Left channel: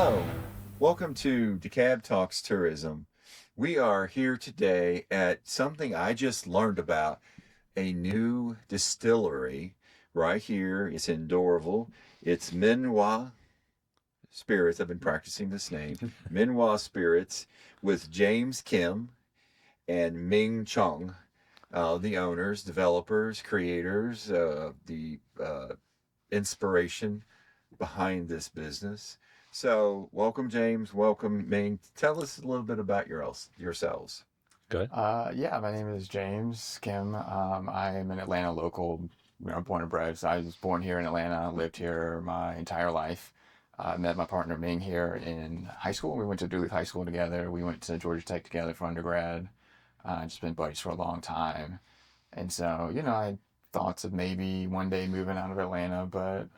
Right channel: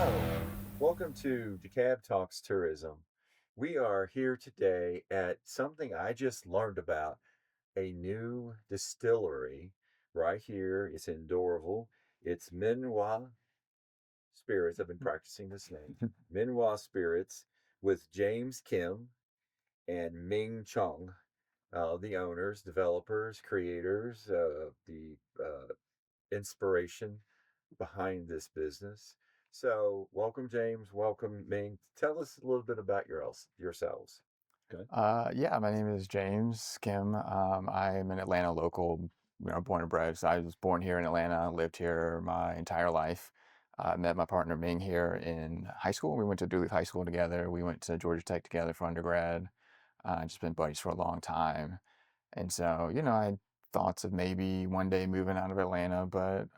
Hello, welcome to DeKalb Talks Tourism. We are here today at something I just learned about, a new distillery right here. It's in Doraville. It's Minhwa Spirits. I've been practicing this name. Minhwa Spirits with James Kim and Ming Chung, the owners, developers, creators, the inspiration behind this business. So, welcome, James. Welcome, Ming. Tell us a little bit about yourselves. Good. Yeah, my name is James Kim. I am an Atlanta local, born and bred. So I was born here in Atlanta, lived here my entire life. Met my partner Ming here in high school. We went to Duluth High School together. We went to Georgia Tech together for undergrad. Just been buddies for a long time. And so, I had thoughts of maybe one day moving out of Atlanta, but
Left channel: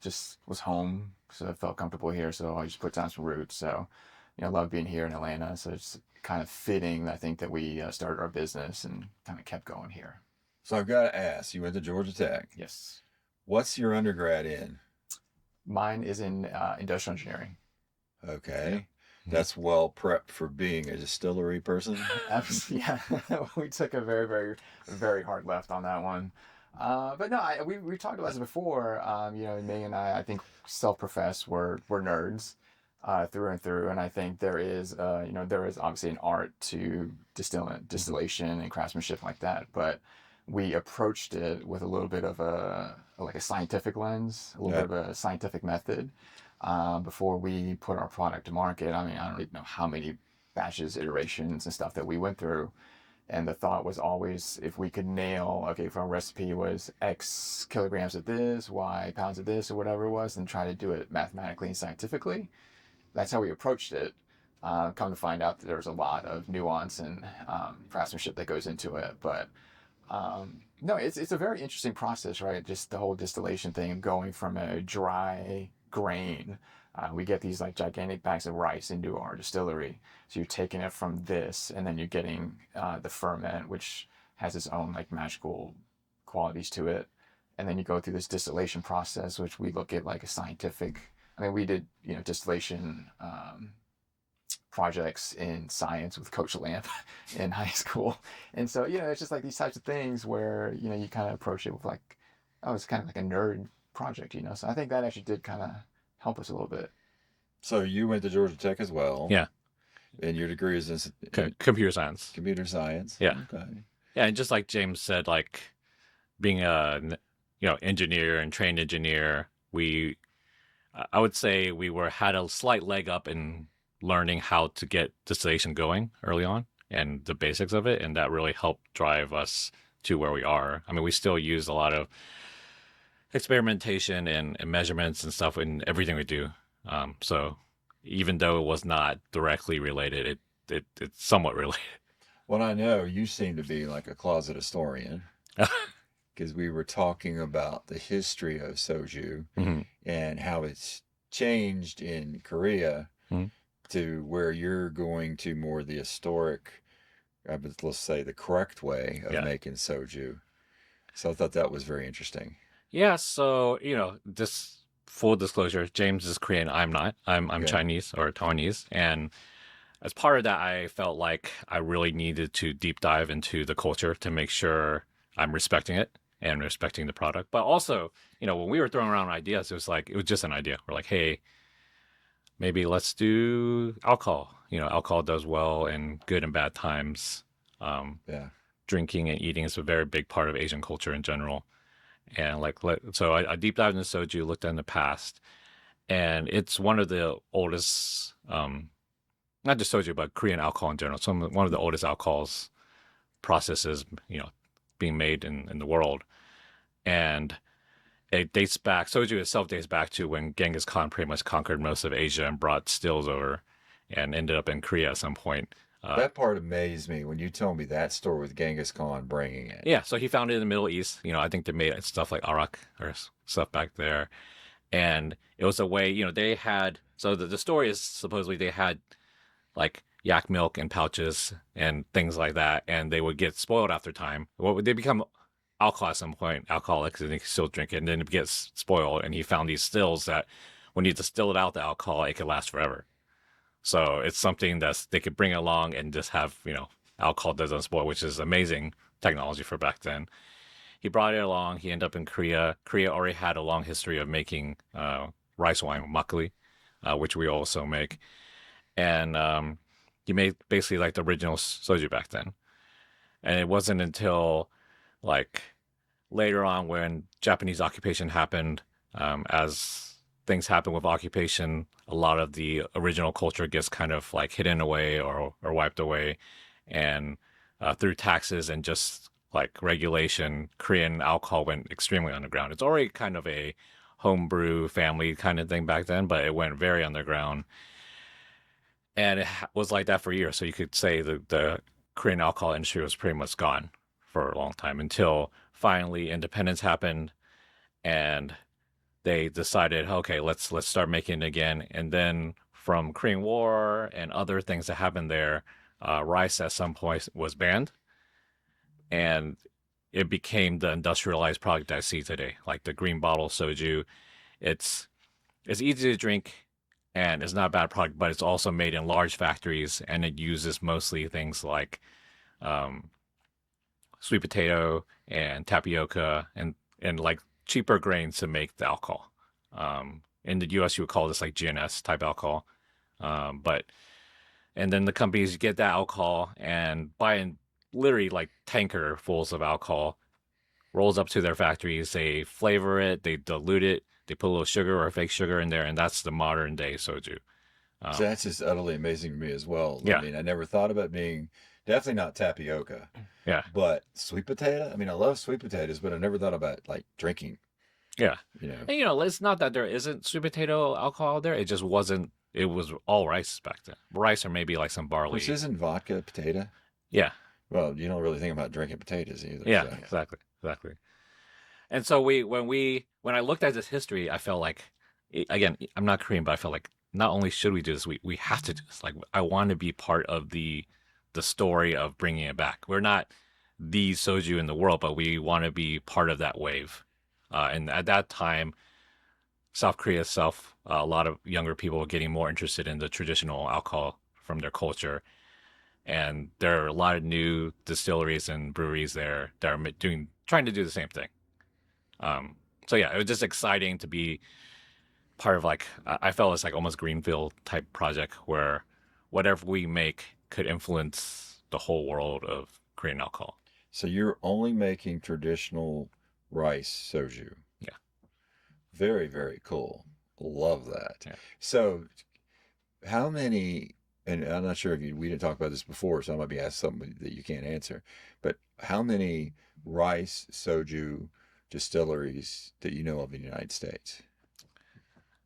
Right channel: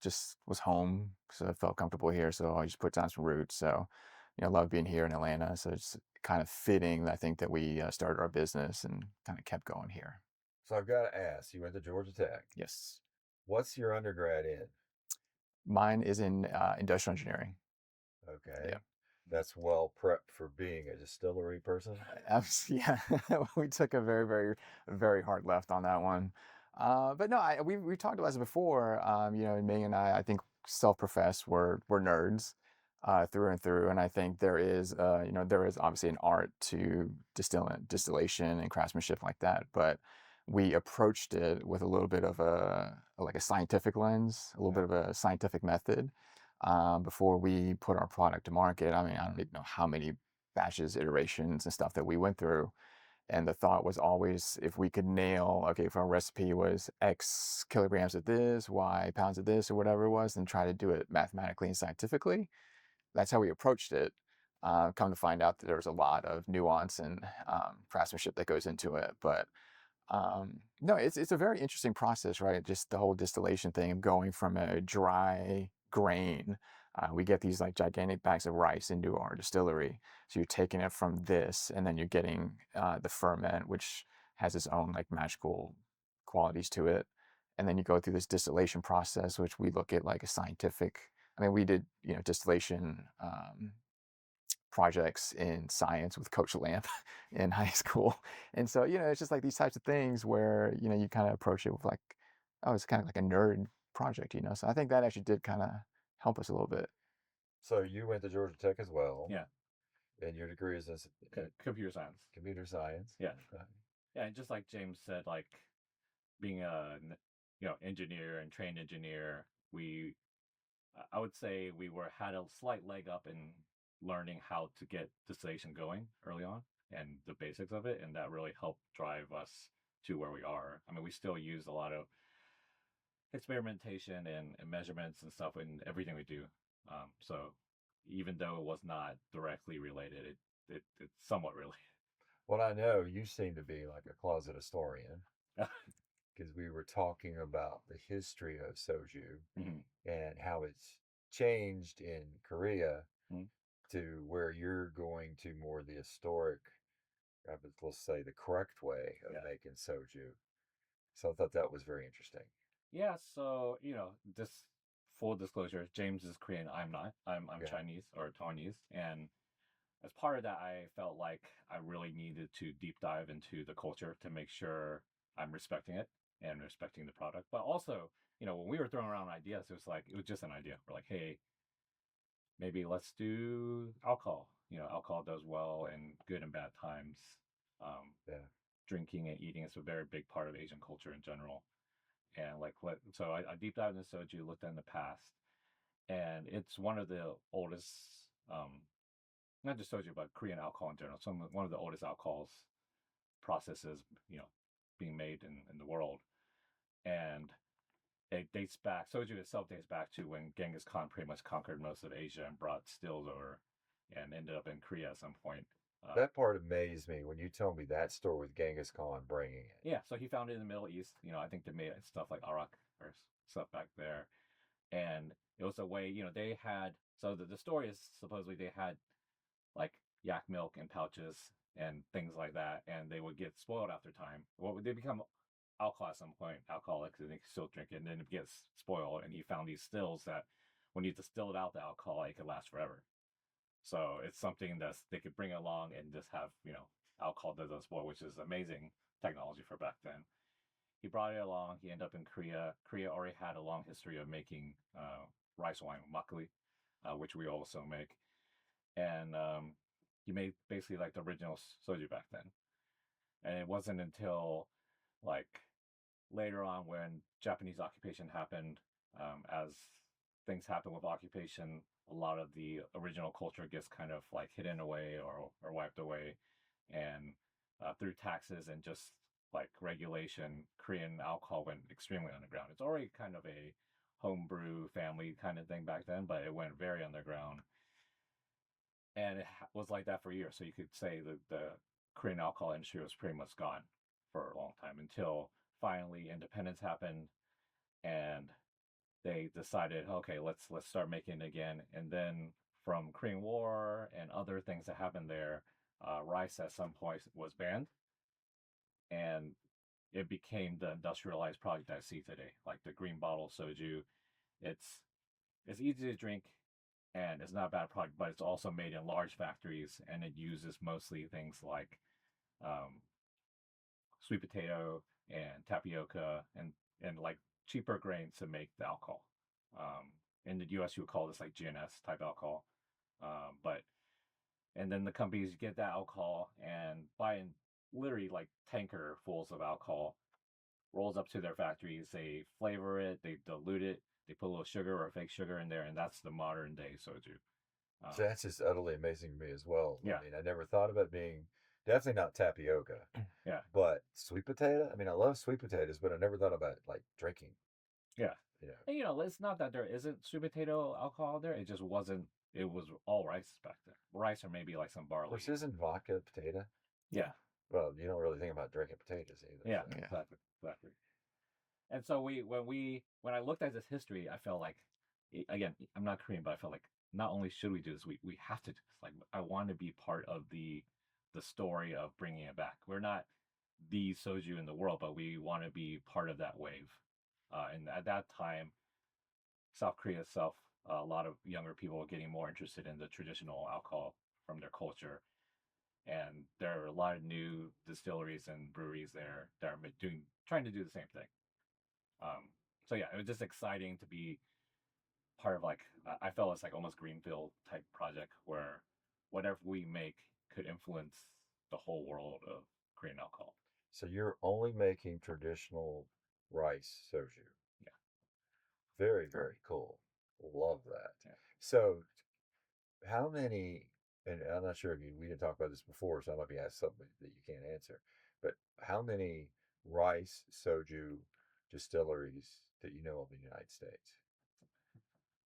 just was home, so I felt comfortable here. So I just put down some roots. So, love being here in Atlanta. So it's kind of fitting, I think, that we started our business and kind of kept going here. So, I've got to ask, you went to Georgia Tech. Yes. What's your undergrad in? Mine is in industrial engineering. Okay. Yeah. That's well prepped for being a distillery person. Yeah, we took a very, very, very hard left on that one. But no, we talked about this before. Ming and I think self-professed we're nerds through and through, and I think there is obviously an art to distillation and craftsmanship like that. But we approached it with a little bit of a scientific lens, a little bit of a scientific method. Before we put our product to market. I mean, I don't even know how many batches, iterations, and stuff that we went through. And the thought was always, if we could nail, okay, if our recipe was X kilograms of this, Y pounds of this, or whatever it was, and try to do it mathematically and scientifically. That's how we approached it. Come to find out that there's a lot of nuance and craftsmanship that goes into it. But no, it's a very interesting process, right? Just the whole distillation thing of going from a dry grain. We get these like gigantic bags of rice into our distillery. So you're taking it from this, and then you're getting the ferment, which has its own like magical qualities to it. And then you go through this distillation process, which we look at like a scientific. I mean, we did distillation projects in science with Coach Lamp in high school, and so it's just like these types of things where you kind of approach it with like, oh, it's kind of like a nerd project, So I think that actually did kind of help us a little bit. So you went to Georgia Tech as well. Yeah. And your degree is in computer science. Computer science. Yeah. Okay. Yeah, and just like James said, like being a engineer and trained engineer, I would say we had a slight leg up in learning how to get distillation going early on and the basics of it, and that really helped drive us to where we are. I mean, we still use a lot of experimentation and measurements and stuff in everything we do. So even though it was not directly related, it's somewhat related. Well, I know you seem to be like a closet historian because we were talking about the history of soju and how it's changed in Korea to where you're going to more the historic, let's say the correct way of making soju. So I thought that was very interesting. Yeah, so this full disclosure, James is Korean. I'm not. I'm Chinese or Taiwanese, and as part of that, I felt like I really needed to deep dive into the culture to make sure I'm respecting it and respecting the product. But also, when we were throwing around ideas, it was just an idea. We're like, hey, maybe let's do alcohol. Alcohol does well in good and bad times. Drinking and eating is a very big part of Asian culture in general. And so I deep dived into soju, looked in the past, and it's one of the oldest, not just soju, but Korean alcohol in general. So one of the oldest alcohols processes, being made in the world. And it dates back, soju itself dates back to when Genghis Khan pretty much conquered most of Asia and brought stills over and ended up in Korea at some point. That part amazed me when you told me that story with Genghis Khan bringing it. Yeah, so he found it in the Middle East. I think they made stuff like arak or stuff back there. And it was a way, they had, so the story is supposedly they had like yak milk in pouches and things like that, and they would get spoiled after time. Well, they become alcohol at some point, alcoholics, and they still drink it, and then it gets spoiled. And he found these stills that when you distill it out, the alcohol, it could last forever. So it's something that's they could bring along and just have, alcohol doesn't spoil, which is amazing technology for back then. He brought it along. He ended up in Korea. Korea already had a long history of making rice wine, makgeolli, which we also make. And he made basically like the original soju back then. And it wasn't until like later on when Japanese occupation happened, as things happen with occupation, a lot of the original culture gets kind of like hidden away or wiped away. And through taxes and just like regulation, Korean alcohol went extremely underground. It's already kind of a homebrew family kind of thing back then, but it went very underground. And it was like that for years. So you could say the Korean alcohol industry was pretty much gone for a long time until finally independence happened and they decided, okay, let's start making it again. And then from Korean War and other things that happened there, rice at some point was banned, and it became the industrialized product I see today, like the green bottle soju. It's easy to drink, and it's not a bad product, but it's also made in large factories, and it uses mostly things like um, sweet potato and tapioca and like cheaper grains to make the alcohol. In the U.S., you would call this like GNS type alcohol, but and then the companies get that alcohol and buy in literally like tanker fulls of alcohol, rolls up to their factories, they flavor it, they dilute it, they put a little sugar or fake sugar in there, and that's the modern day soju. So that's just utterly amazing to me as well. Yeah. I mean, I never thought about being definitely not tapioca, Yeah. but sweet potato. I mean, I love sweet potatoes, but I never thought about like drinking. Yeah. You know, And, it's not that there isn't sweet potato alcohol out there. It just wasn't. It was all rice back then. Rice or maybe like some barley. which isn't vodka potato. Yeah. Well, you don't really think about drinking potatoes either. Yeah. So. Exactly. And so when I looked at this history, I felt like, again, I'm not Korean, but I felt like not only should we do this, we have to do this. Like I want to be part of the story of bringing it back. We're not the soju in the world, but we want to be part of that wave. And at that time, South Korea itself, a lot of younger people were getting more interested in the traditional alcohol from their culture. And there are a lot of new distilleries and breweries there that are trying to do the same thing. So yeah, it was just exciting to be part of like, I felt it's like almost Greenfield type project where whatever we make could influence the whole world of Korean alcohol. So you're only making traditional rice soju. Yeah. Very, very cool. Love that. Yeah. So how many, and I'm not sure if we didn't talk about this before, so I might be asked something that you can't answer, but how many rice soju distilleries that you know of in the United States?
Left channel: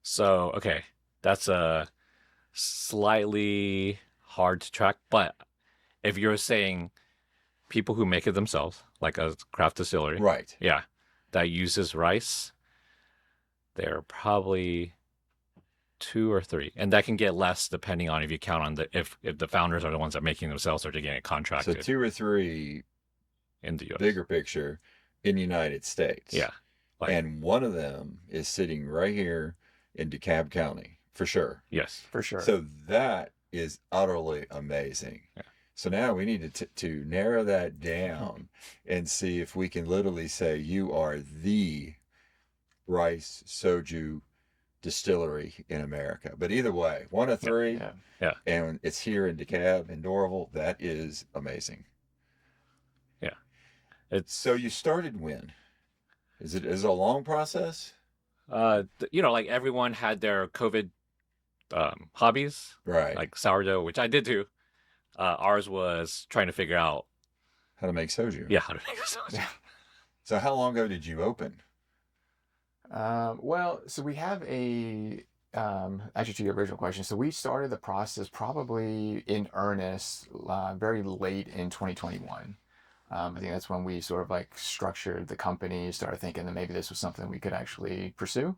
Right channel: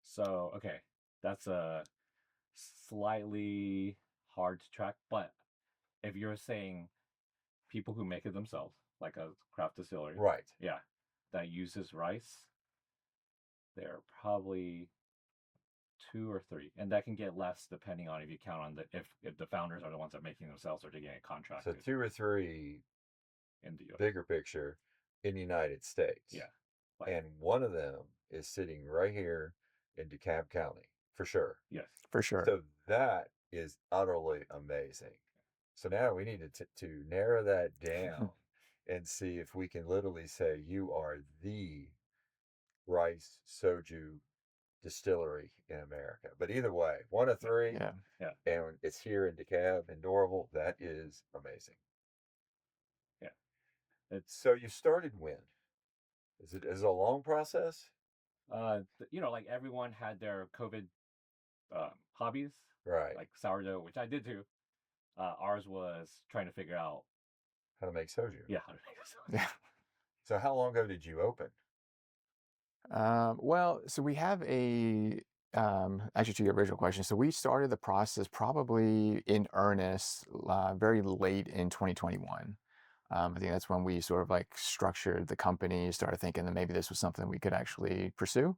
So, okay, that's a slightly hard to track, but if you're saying people who make it themselves, like a craft distillery, Right. yeah, that uses rice, there are probably 2 or 3, and that can get less depending on if you count on if the founders are the ones that are making themselves or they're getting it So contracted 2 or 3 in the US. bigger picture in the United States. Yeah. And one of them is sitting right here in DeKalb County, for sure. Yes. For sure. So that is utterly amazing. Yeah. So now we need to narrow that down and see if we can literally say you are the rice soju distillery in America. But either way, 1 of 3, Yeah. and it's here in DeKalb and Doraville. That is amazing. Yeah. So you started when? Is it a long process? Like everyone had their COVID hobbies, Right. like sourdough, which I did too. Ours was trying to figure out, How to make soju. yeah, how to make soju. Yeah. So how long ago did you open? Well, so we have actually to your original question. So we started the process probably in earnest very late in 2021. I think that's when we sort of like structured the company, started thinking that maybe this was something we could actually pursue.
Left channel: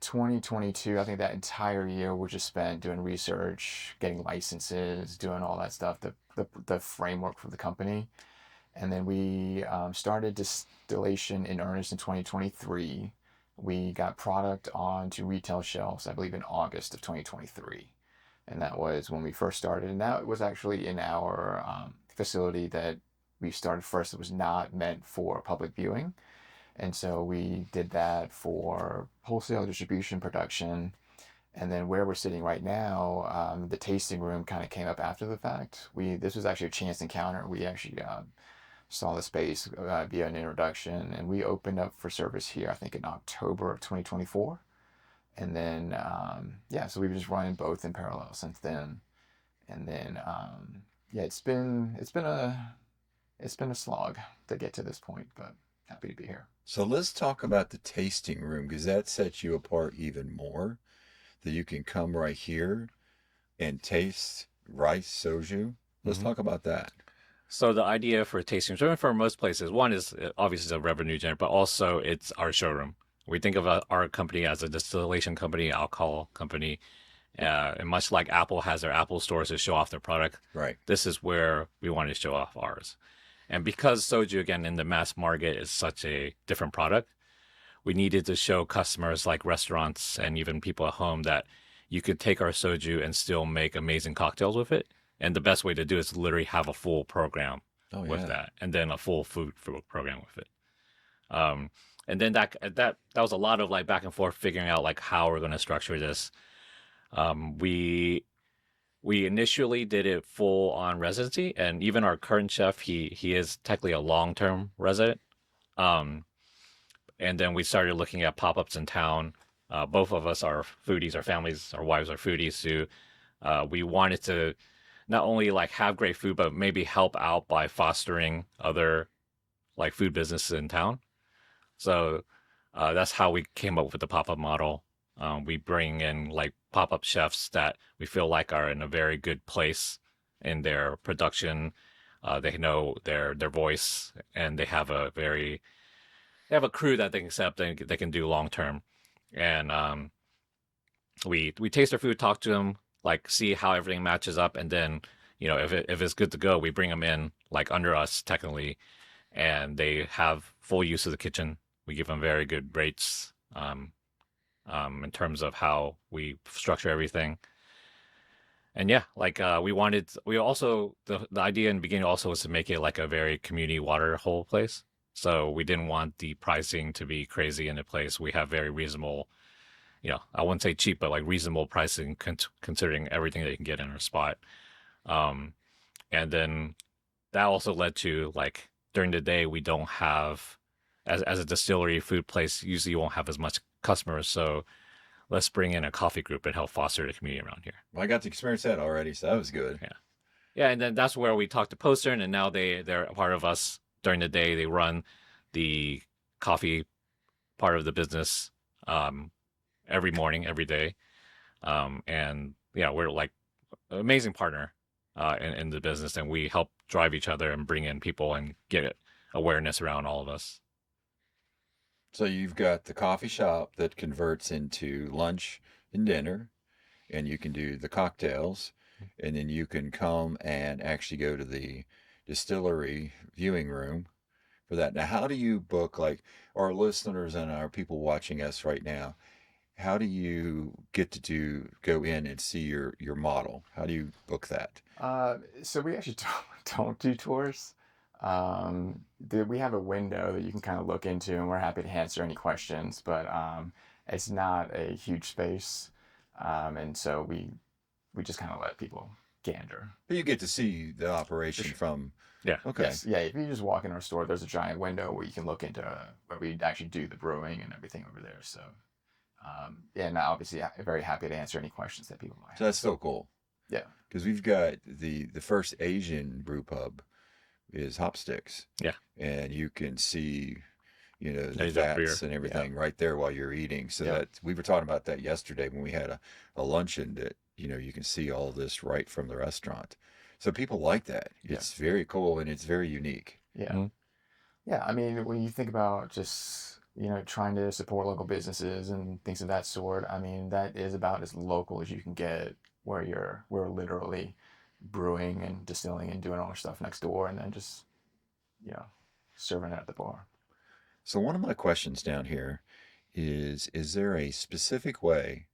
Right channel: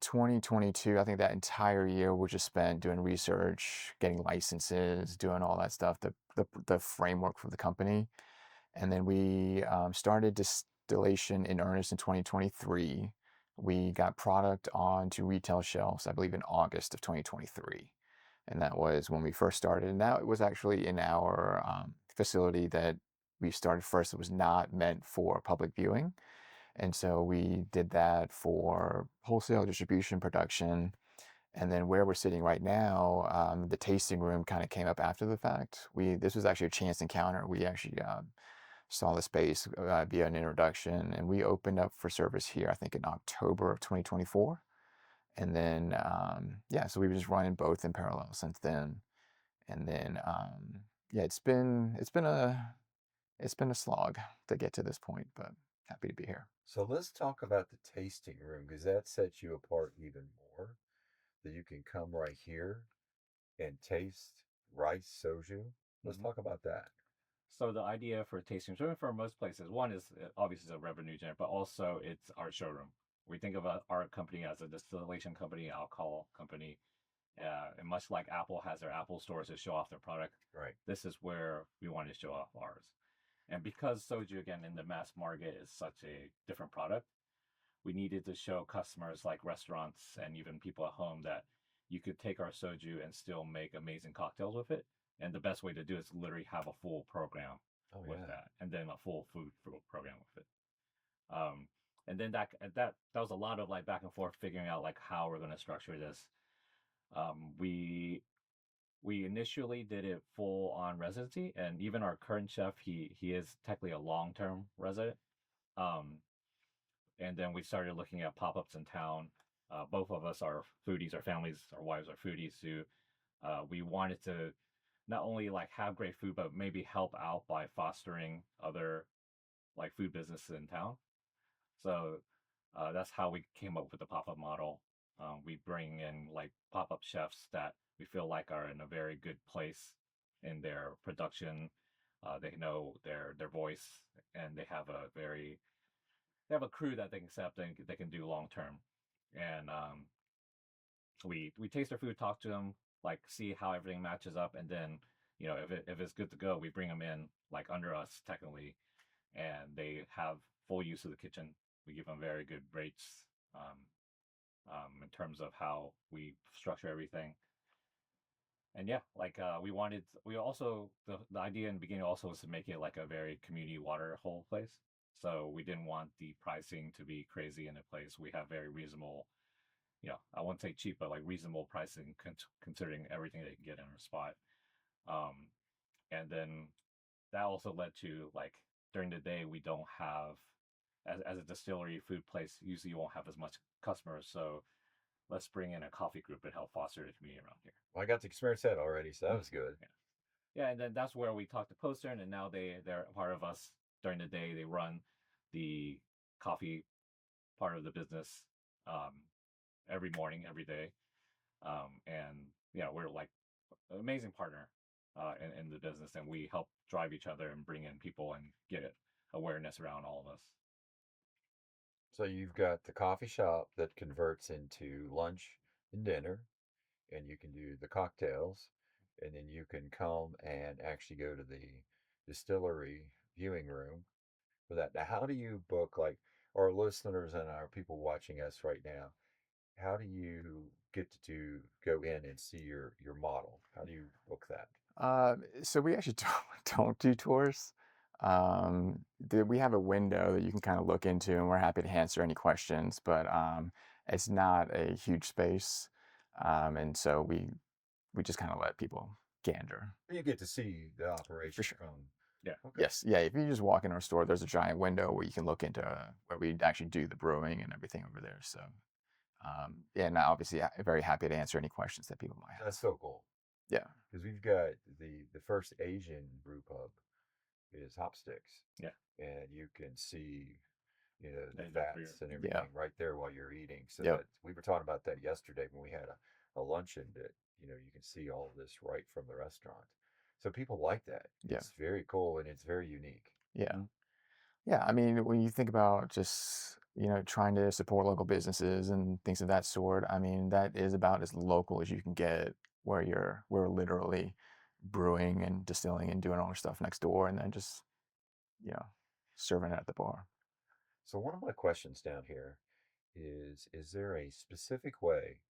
2022, I think that entire year was just spent doing research, getting licenses, doing all that stuff, the framework for the company. And then we started distillation in earnest in 2023. We got product onto retail shelves, I believe, in August of 2023. And that was when we first started. And that was actually in our facility that we started first. It was not meant for public viewing. And so we did that for wholesale distribution, production. And then where we're sitting right now, the tasting room kind of came up after the fact. This was actually a chance encounter. We actually saw the space via an introduction, and we opened up for service here, I think, in October of 2024. And then, yeah, so we've just running both in parallel since then. And then, yeah, it's been a slog to get to this point, but happy to be here. So let's talk about the tasting room, because that sets you apart even more. That you can come right here and taste rice soju. Let's talk about that. So the idea for tasting room for most places, one is obviously a revenue generator, but also it's our showroom. We think of our company as a distillation company, alcohol company, and much like Apple has their Apple stores to show off their product, Right. this is where we want to show off ours. And because soju, again, in the mass market is such a different product, we needed to show customers like restaurants and even people at home that you could take our soju and still make amazing cocktails with it. And the best way to do it is literally have a full program with that, and then a full food program with it. And then that was a lot of like back and forth figuring out like how we're going to structure this. We initially did it full on residency, and even our current chef, he is technically a long-term resident. And then we started looking at pop-ups in town. Both of us are foodies, our families, our wives are foodies too. We wanted to not only like have great food, but maybe help out by fostering other like food businesses in town. So that's how we came up with the pop-up model. We bring in like pop-up chefs that we feel like are in a very good place in their production. They know their voice, and they have a crew that they can accept and they can do long term. And we taste their food, talk to them, like see how everything matches up, and then if it's good to go, we bring them in like under us technically, and they have full use of the kitchen. We give them very good rates in terms of how we structure everything. And yeah, like we also the idea in the beginning also was to make it like a very community water hole place. So we didn't want the pricing to be crazy in the place. We have very reasonable, I wouldn't say cheap, but like reasonable pricing considering everything that you can get in our spot. And then that also led to like during the day, we don't have, as a distillery food place, usually you won't have as much customers. So let's bring in a coffee group and help foster the community around here. Well, I got to experience that already, so that was good. Yeah. Yeah, and then that's where we talked to Postern, and now they're a part of us during the day. They run the coffee part of the business every morning, every day. And yeah, we're like an amazing partner in the business, and we help drive each other and bring in people and get awareness around all of us. So you've got the coffee shop that converts into lunch and dinner, and you can do the cocktails, and then you can come and actually go to the distillery viewing room for that. Now, how do you book, like our listeners and our people watching us right now, how do you get to go in and see your model? How do you book that? So we actually don't do tours. We have a window that you can kind of look into, and we're happy to answer any questions, but it's not a huge space. And so we just kind of let people gander. But you get to see the operation from... Yeah. Okay. Yes. Yeah. If you just walk in our store, there's a giant window where you can look into where we actually do the brewing and everything over there. So, yeah, and obviously very happy to answer any questions that people might have. So that's so cool. Yeah. Because we've got the first Asian brew pub is Hopsticks. Yeah. And you can see, the Asian fats beer. and everything right there while you're eating. So that we were talking about that yesterday when we had a luncheon that, you can see all this right from the restaurant. So people like that. It's very cool and it's very unique. Yeah. Mm-hmm. Yeah. I mean, when you think about just, trying to support local businesses and things of that sort, I mean, that is about as local as you can get, where we're literally brewing and distilling and doing all our stuff next door and then just, serving it at the bar. So one of my questions down here is there a specific way,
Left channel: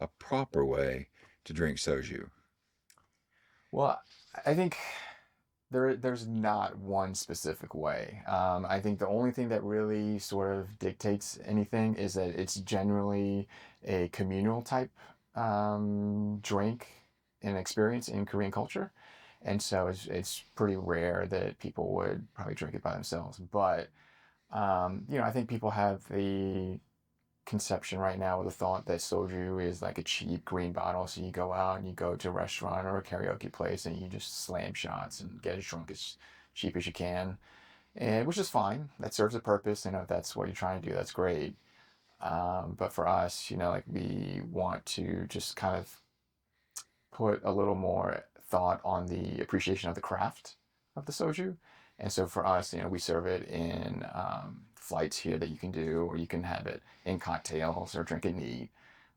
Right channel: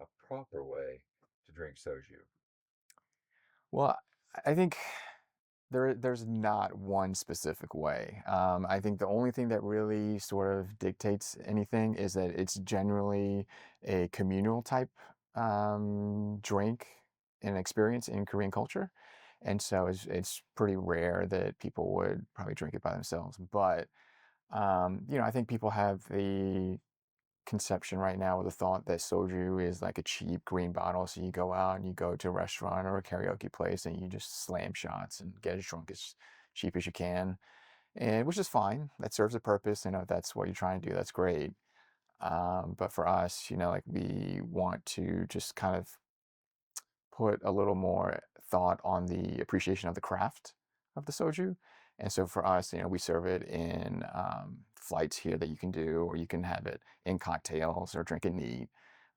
a proper way to drink soju? Well, I think there's not one specific way. I think the only thing that really sort of dictates anything is that it's generally a communal type drink and experience in Korean culture. And so it's pretty rare that people would probably drink it by themselves. But, I think people have the conception right now with the thought that soju is like a cheap green bottle. So you go out and you go to a restaurant or a karaoke place and you just slam shots and get as drunk as cheap as you can, and which is fine. That serves a purpose. If that's what you're trying to do, that's great. But for us, like we want to just kind of put a little more thought on the appreciation of the craft of the soju. And so for us, we serve it in flights here that you can do, or you can have it in cocktails or drink it neat.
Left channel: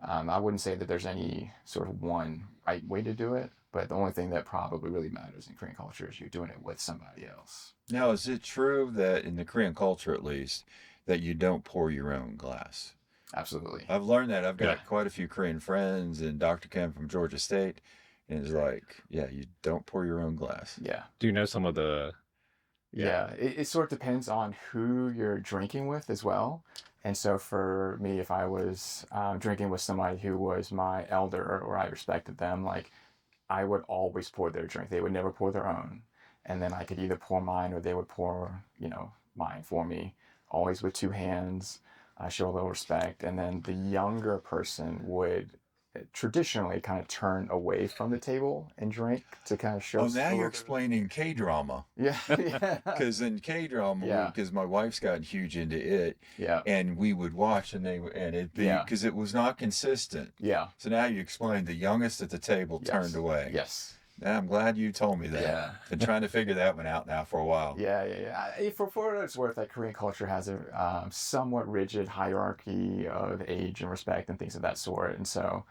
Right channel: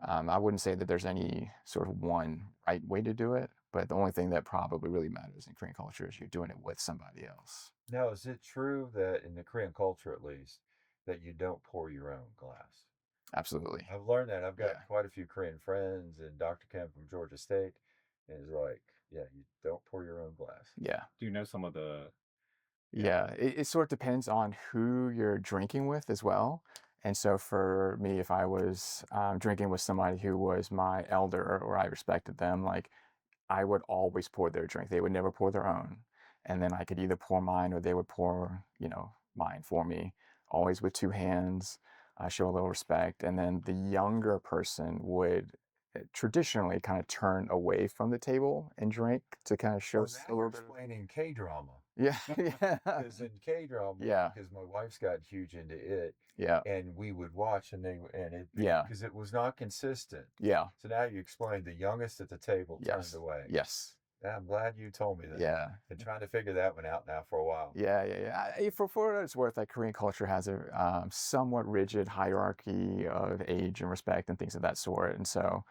I wouldn't say that there's any sort of one right way to do it, but the only thing that probably really matters in Korean culture is you're doing it with somebody else. Now, is it true that in the Korean culture, at least, that you don't pour your own glass? Absolutely. I've learned that. I've got Yeah. quite a few Korean friends, and Dr. Kim from Georgia State, and it's like, yeah, you don't pour your own glass. Yeah. Do you know some of the? Yeah, it sort of depends on who you're drinking with as well. And so for me, if I was drinking with somebody who was my elder or I respected them, like I would always pour their drink. They would never pour their own. And then I could either pour mine or they would pour, mine for me, always with two hands, show a little respect. And then the younger person would traditionally kind of turn away from the table and drink to kind of show Oh, a now little you're bit of- explaining K-drama. Yeah, yeah, Because in K-drama, Yeah. because my wife's gotten huge into it, yeah, and we would watch, and it'd be, Yeah. because it was not consistent. yeah, So now you explained the youngest at the table Yes. turned away. yes. Now, I'm glad you told me that. Yeah. Been trying to figure that one out now for a while. Yeah. For what it's worth, like Korean culture has a somewhat rigid hierarchy of age and respect and things of that sort, and so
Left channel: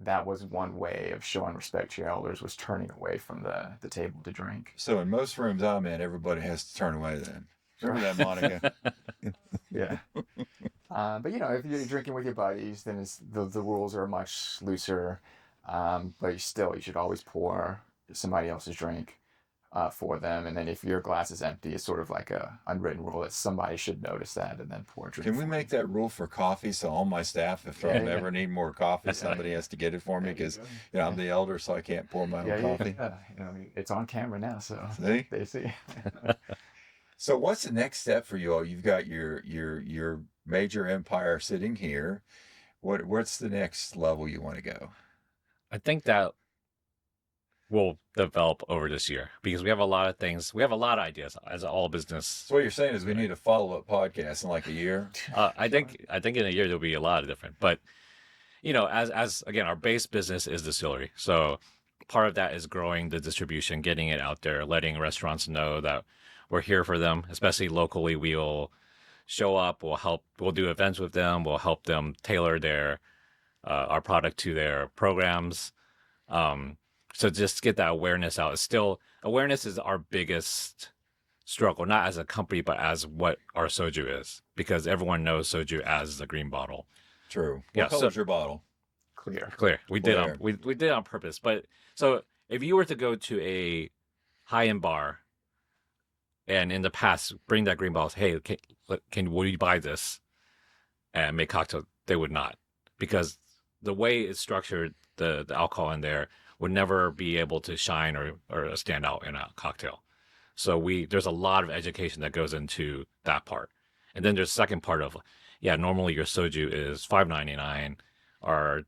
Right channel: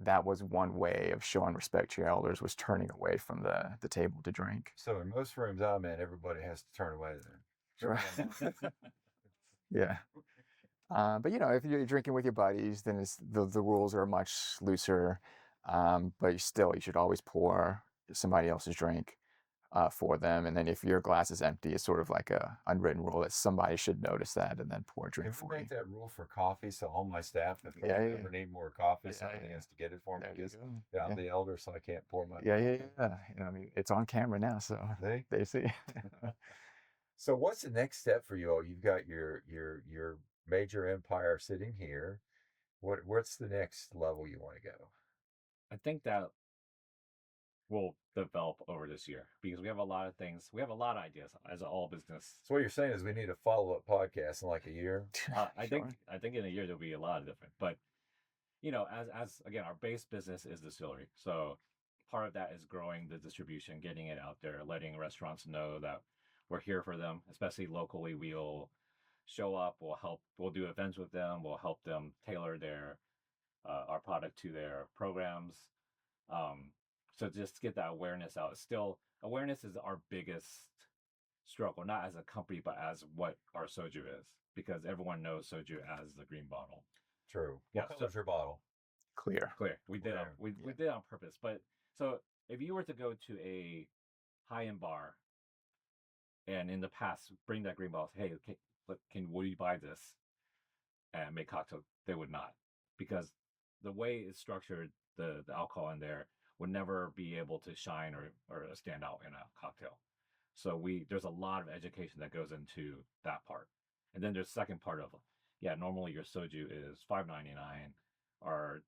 that was one way of showing respect to your elders, was turning away from the table to drink. So in most rooms I'm in, everybody has to turn away then. Remember that, Monica? Yeah. But if you're drinking with your buddies, then the rules are much looser. But you should always pour somebody else's drink for them. And then if your glass is empty, it's sort of like a unwritten rule that somebody should notice that and then pour a drink. Can we for make you. that rule for coffee so all my staff, if I Yeah. ever need more coffee, somebody has to get it for me There you because go. I'm the elder, so I can't pour my own Yeah. coffee. It's on camera now, so See? they see. So what's the next step for you all? You've got your major empire sitting here. What's the next level you want to go? I think that will develop over this year because we have a lot of things. We have a lot of ideas as all business. So what you're saying is we need a follow-up podcast in like a year? I think in a year there'll be a lot of different. But as again, our base business is distillery. So part of that is growing the distribution, getting it out there, letting restaurants know that we're here for them, especially locally. We'll show up, we'll do events with them, we'll help them tailor their our product to their programs. So just get that awareness out. Awareness is our biggest struggle, not as a company, but as what our soju is, because everyone knows soju as the green bottle. True. Yeah, What color's your bottle? Clear. We did Clear. we did it on purpose. But so if you were to go to a high-end bar and in the past bring that green bottle, hey, will you buy this and make cocktail? They would not, because the way it's structured, the alcohol in there would never be able to shine or stand out in a cocktail. So there's a lot of education that goes into that part. And then there's the second part of, normally your soju is $5.99. Our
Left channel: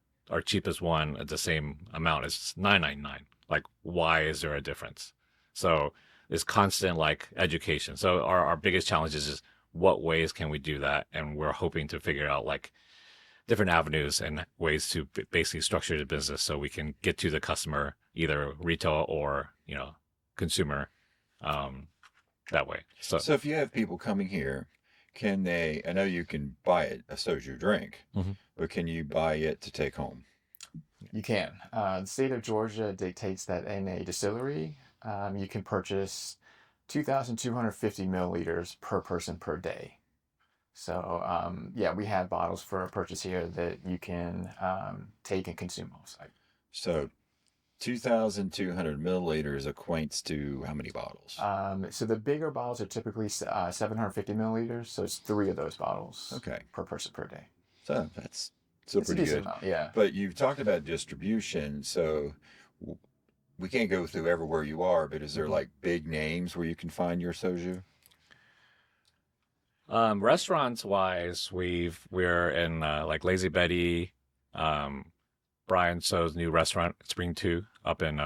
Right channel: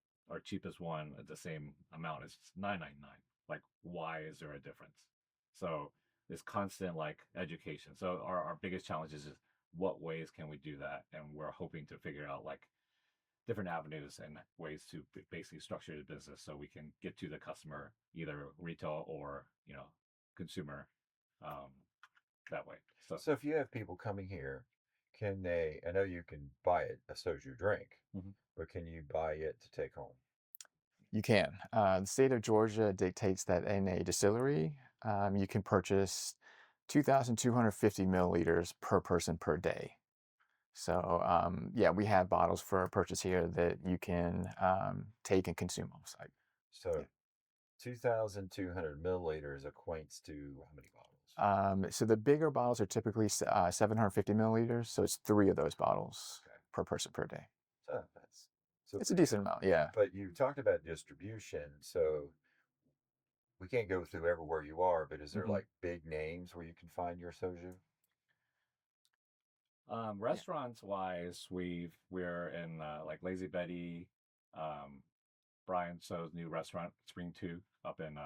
cheapest one at the same amount is $9.99. Like, why is there a difference? So it's constant education. So our biggest challenge is just what ways can we do that? And we're hoping to figure out different avenues and ways to basically structure the business so we can get to the customer, either retail or consumer, that way. So if you have people coming here, can they? I know you can buy it a soju drink, Mhm. but can you buy it to take home? You can. The state of Georgia dictates that in a distillery, you can purchase 2,250 milliliters per person per day. So yeah, we have bottles for purchase here that you can take and consume off site. So 2,200 milliliters equates to how many bottles? So the bigger bottles are typically 750 milliliters, so it's 3 of those bottles Okay. per person per day. So that's still It's a pretty decent good. amount, yeah. But you've talked about distribution, so we can't go through everywhere you are, but is there Mhm. like big names where you can find your soju? Restaurants wise, we're in like Lazy Betty, Brian So's new restaurant, Spring Two, up in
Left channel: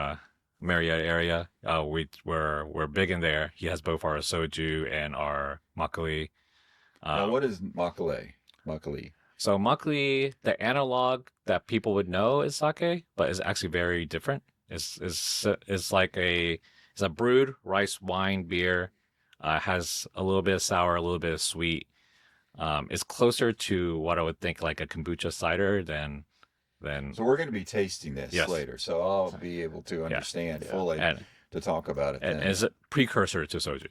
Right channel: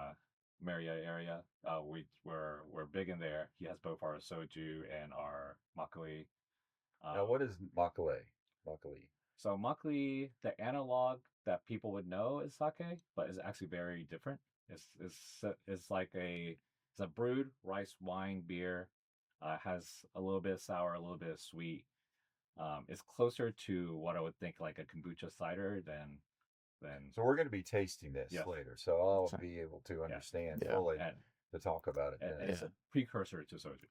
Marietta area. We're big in there. He has both our soju and our makgeolli. Now, what is makgeolli? Makgeolli. So makgeolli, the analog that people would know is sake, but it's actually very different. It's like it's a brewed rice wine beer. Has a little bit of sour, a little bit of sweet. It's closer to what I would think like a kombucha cider than So we're going to be tasting this Yes. later, so I'll be able to understand Yeah. fully and to talk about it and then. is a precursor to soju.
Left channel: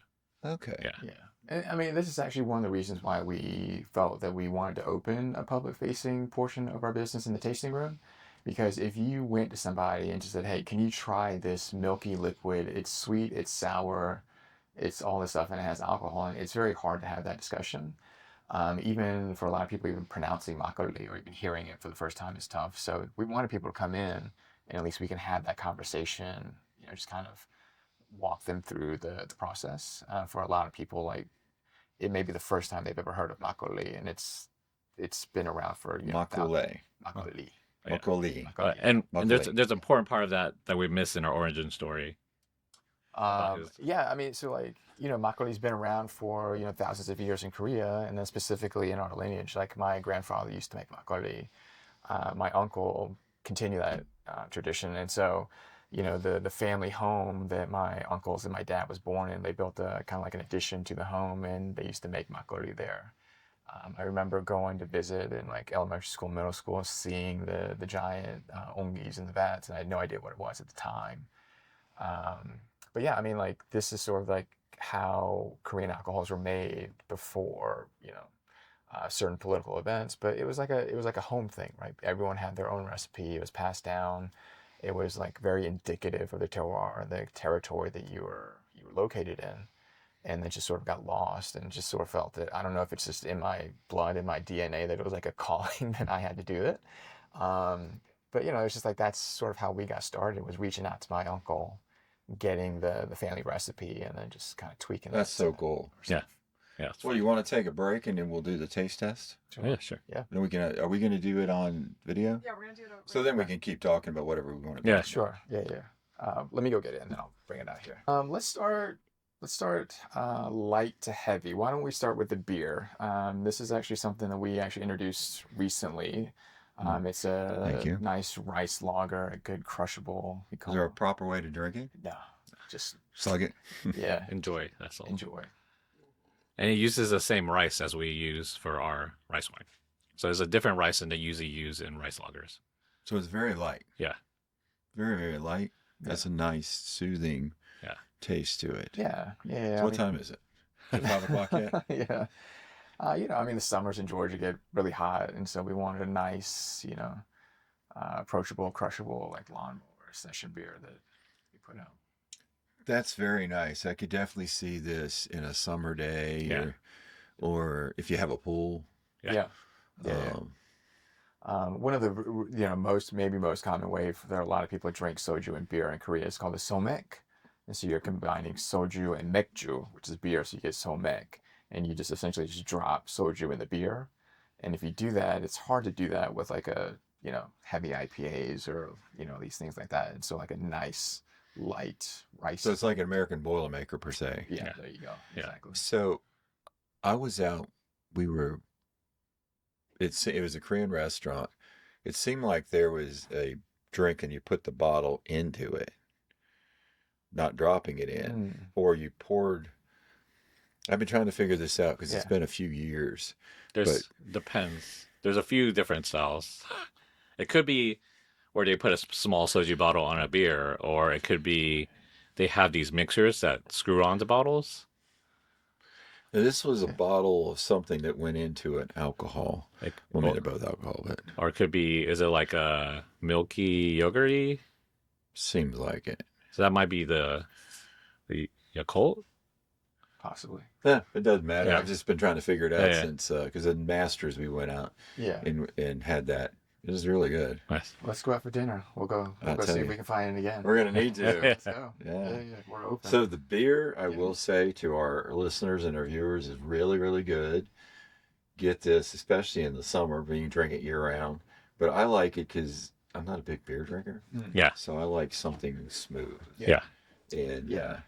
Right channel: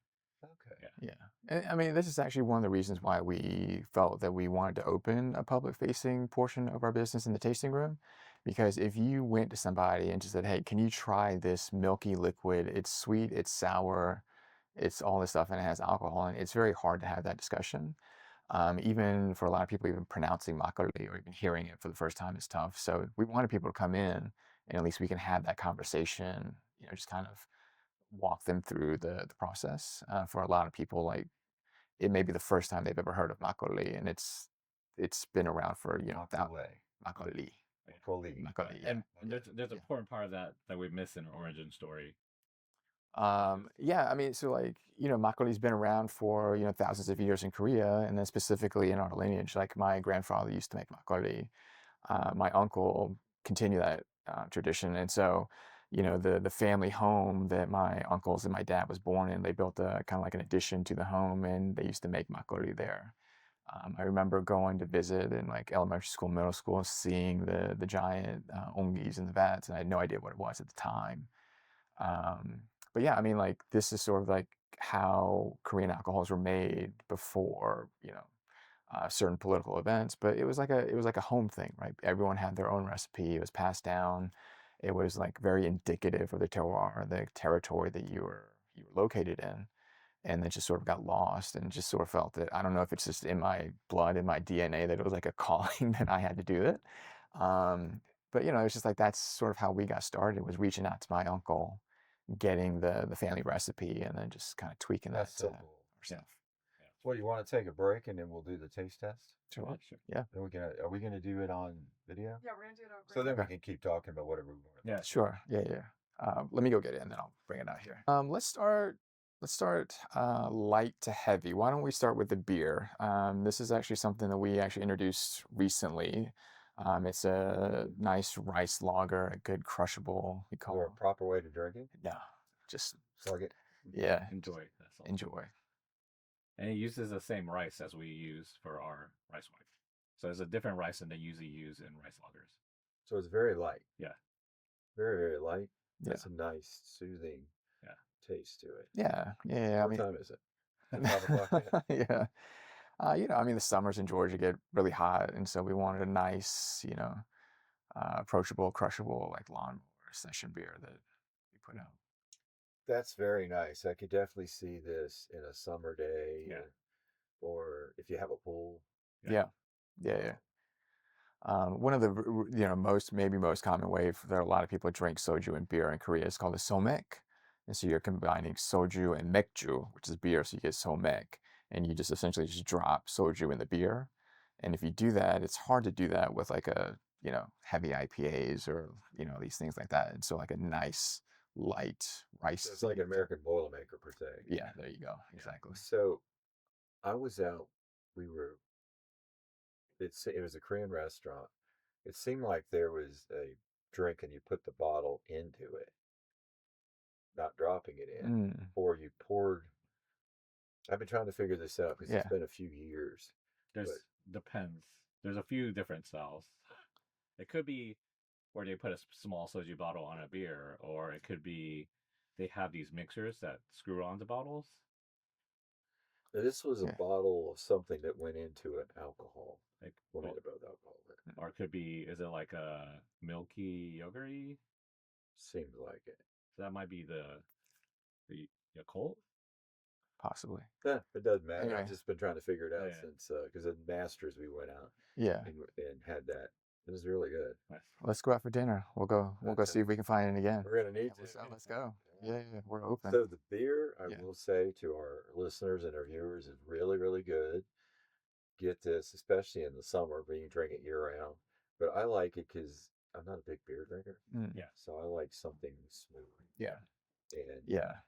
Okay. Yeah. Yeah. And I mean, this is actually one of the reasons why we felt that we wanted to open a public facing portion of our business in the tasting room. Because if you went to somebody and just said, hey, can you try this milky liquid? It's sweet, it's sour, it's all this stuff, and it has alcohol, and it's very hard to have that discussion. Even for a lot of people, even pronouncing makgeolli or even hearing it for the first time is tough. So we wanted people to come in, and at least we can have that conversation, just kind of walk them through the process. For a lot of people, like it may be the first time they've ever heard of makgeolli, and it's been around for Makgeolli. makgeolli. Yeah. Makgeolli. Makgeolli, And there's Makgeolli. there's an important part of that we missed in our origin story. Yeah, I mean, so like, makgeolli's been around for, thousands of years in Korea, and then specifically in our lineage, like my grandfather used to make makgeolli. My uncle continued that tradition. And so, the family home that my uncles and my dad was born in, they built a kind of like an addition to the home, and they used to make makgeolli there. I remember going to visit in like elementary school, middle school, seeing the giant ongis in the vats, and I had no idea what it was at the time. Um, but yeah, I mean, like this is sort of like how Korean alcohols were made before, certain political events. But it was like a home thing, right? Everyone had their own recipe. It was passed down. It was like very indicative of the terroir, the territory that you were located in, and then just sort of got lost and just sort of felt that I don't know if it's just in my blood, in my DNA, that it was like a calling that I had to do it. But it's just like that's sort of how we got started, was reaching out to my uncle, getting the family recipe, and then just kind of tweaking That's that. so cool. Yeah. Yeah. Well, you want to take a break and then we'll do the taste test? Yeah, sure. Then are we going to do it on video? Yeah, we're gonna do it over. So then we can keep talking about whatever we want to. Yeah, talk Sure. Yeah. Let me go get it, and then I'll bring it out here. Let's start light to heavy. Why don't we start with the beer? This is actually something that we actually introduced recently. It's Thank a you. nice rice lager, a good crushable. We Is call there a proper way to drink it? no, just Slug it. yeah, Enjoy. That's all. enjoy. And it uses the same rice as we use for our rice wine. So it's a different rice than they usually use in rice lagers. So it's very light. Yeah. Very, very light. That's a nice, soothing taste to it. Yeah. So what time is it? Is it 5 o'clock yet? Yeah. I mean, the summers in Georgia get really hot, and so we wanted a nice, approachable, crushable, like lawnmower session beer that we put out. That's very nice. I could definitely see this in a summer day, Yeah. or if you have a pool. Yeah. One of the most common way that a lot of people drink soju and beer in Korea is called the somek, and so you're combining soju and mekju, which is beer, so you get somek, and you just essentially just drop soju in the beer. And if you do that, it's hard to do that with like a heavy IPAs or these things like that. And so like a nice light rice. So it's like an American Boilermaker per se. Yeah, there you go. Yeah. Exactly. So I was out. It was a Korean restaurant. It seemed like there was a drink and you put the bottle into it, not dropping it in, or you poured. I've been trying to figure this out because it's been a few years. Depends. There's a few different styles. It could be where they put a small soju bottle on a beer, or it could be they have these mixers that screw onto bottles. Now, this was a Yeah. bottle of something that went into an alcohol. Like, Well, I mean, they're both alcohol, but or it could be, is it like a milky yogurty? seems like it. So that might be the Yakult. Possibly. Yeah, it doesn't matter. Yeah. I've just been trying to figure it out Yeah. since, because in Masters we went out Yeah. and had that. It was really good. Nice. Let's go out for dinner. We'll go I'll see tell if you. we can find it again. We're going to need to. Let's go. Yeah. Yeah. We're open. So the beer, I Yeah. will say to our listeners and our viewers, is really, really good. Get this, especially in the summer, but you can drink it year round. But I like it because I'm not a big beer drinker. Yeah. So I like something smooth. Yeah. And Yeah.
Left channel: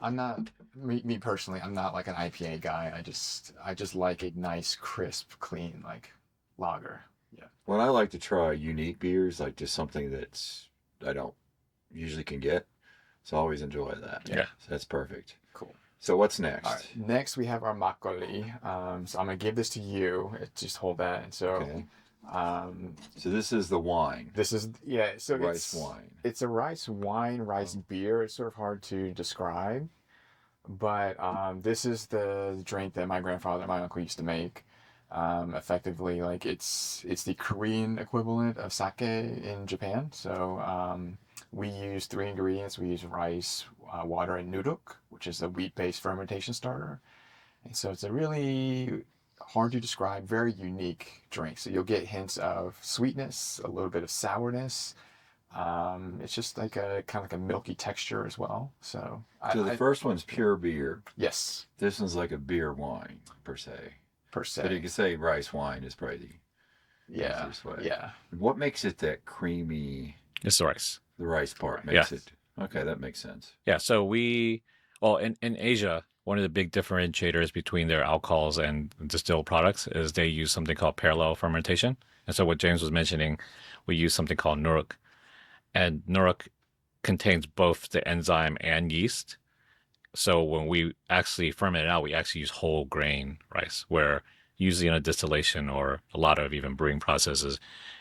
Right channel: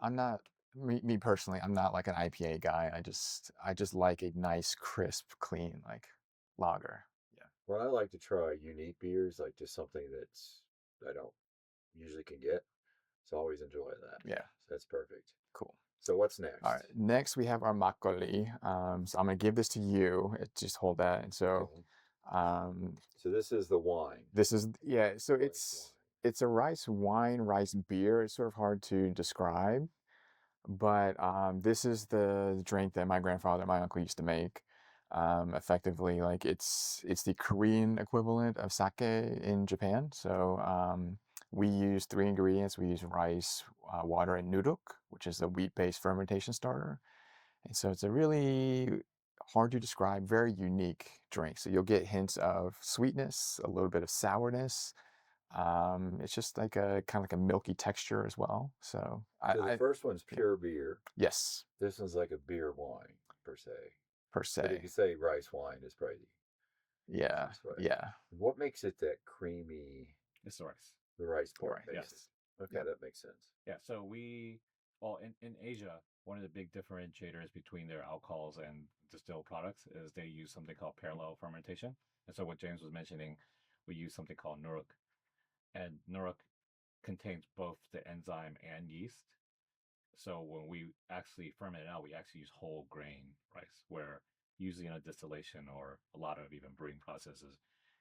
I'm not me personally. I'm not like an IPA guy. I just like a nice, crisp, clean like lager. Yeah. when I like to try unique beers, like just something that's I don't usually can get. So I always enjoy that. Yeah. So that's perfect. Cool. So what's next? All right. Next we have our makgeolli. So I'm gonna give this to you. Just hold that. And so, Okay. So this is the wine. this is So Rice wine. it's a rice wine, rice beer. It's sort of hard to describe, but this is the drink that my grandfather and my uncle used to make. Effectively, like it's the Korean equivalent of sake in Japan. So we use 3 ingredients. We use rice, water, and nuruk, which is a wheat-based fermentation starter. And so it's a really hard to describe, very unique drink. So you'll get hints of sweetness, a little bit of sourness. It's just like a kind of like a milky texture as well. So So the first one's pure beer. yes, This one's like a beer wine per se. per But you se. could say rice wine is probably the Yeah, easiest way. yeah. What makes it that creamy? It's the rice. The rice part Right. makes Yes. it. Okay, that makes sense. Yeah. So in Asia, one of the big differentiators between their alcohols and distilled products is they use something called parallel fermentation. And so what James was mentioning, we use something called nuruk. And nuruk contains both the enzyme and yeast. So when we actually ferment it out, we actually use whole grain rice, where usually in a distillation or a lot of even brewing processes,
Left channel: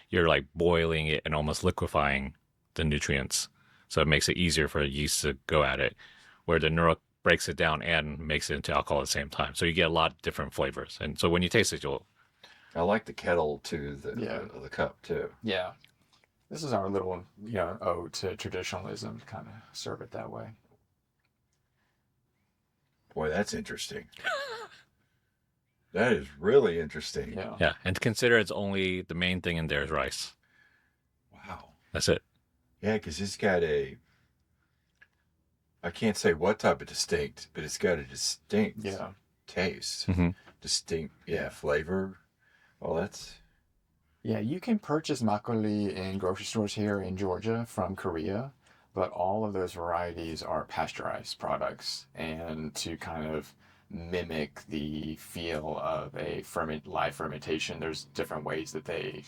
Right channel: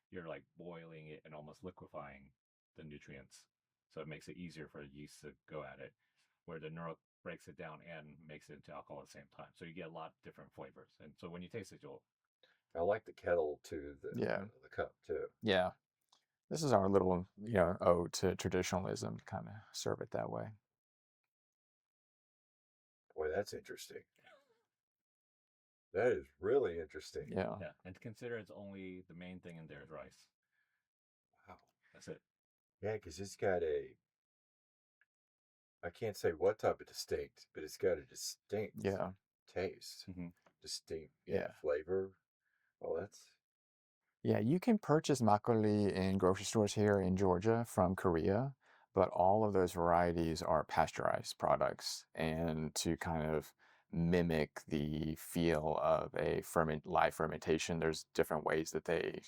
you're like boiling it and almost liquefying the nutrients. So it makes it easier for yeast to go at it, where the nuruk breaks it down and makes it into alcohol at the same time. So you get a lot of different flavors. And so when you taste it, you'll, I like the kettle to Yeah. the cup too. Yeah. This is our little, ode to traditionalism, kind of serve it that way. Boy, that's interesting. That is really interesting. Yeah. yeah. And consider it's only the main thing in there is rice. Wow. That's it. Yeah, because it's got I can't say what type of distinct, but it's got a distinct Yeah. taste. Mhm. Distinct, Yeah. flavor. Oh, that's Yeah, you can purchase makgeolli in grocery stores here in Georgia from Korea, but all of those varieties are pasteurized products. And to kind of mimic the feel of a live fermentation, there's different ways that they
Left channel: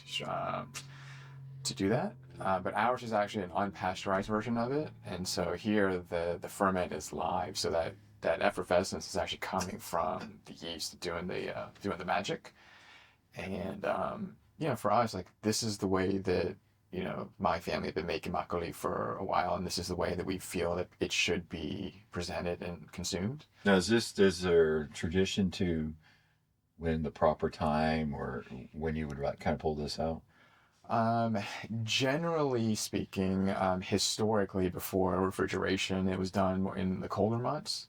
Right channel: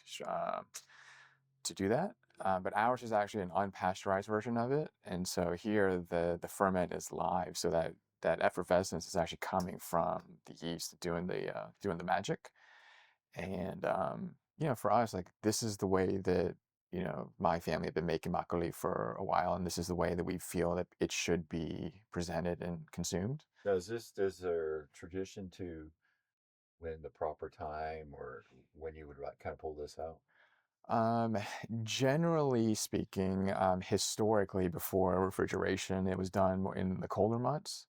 to do that. But ours is actually an unpasteurized version of it, and so here the ferment is live, so that effervescence is actually coming from the yeast doing the magic. And for us, like this is the way that my family have been making makgeolli for a while, and this is the way that we feel that it should be presented and consumed. now. Is there a tradition to when the proper time or when you would like kind of pull this out? Generally speaking, historically before refrigeration, it was done more in the colder months.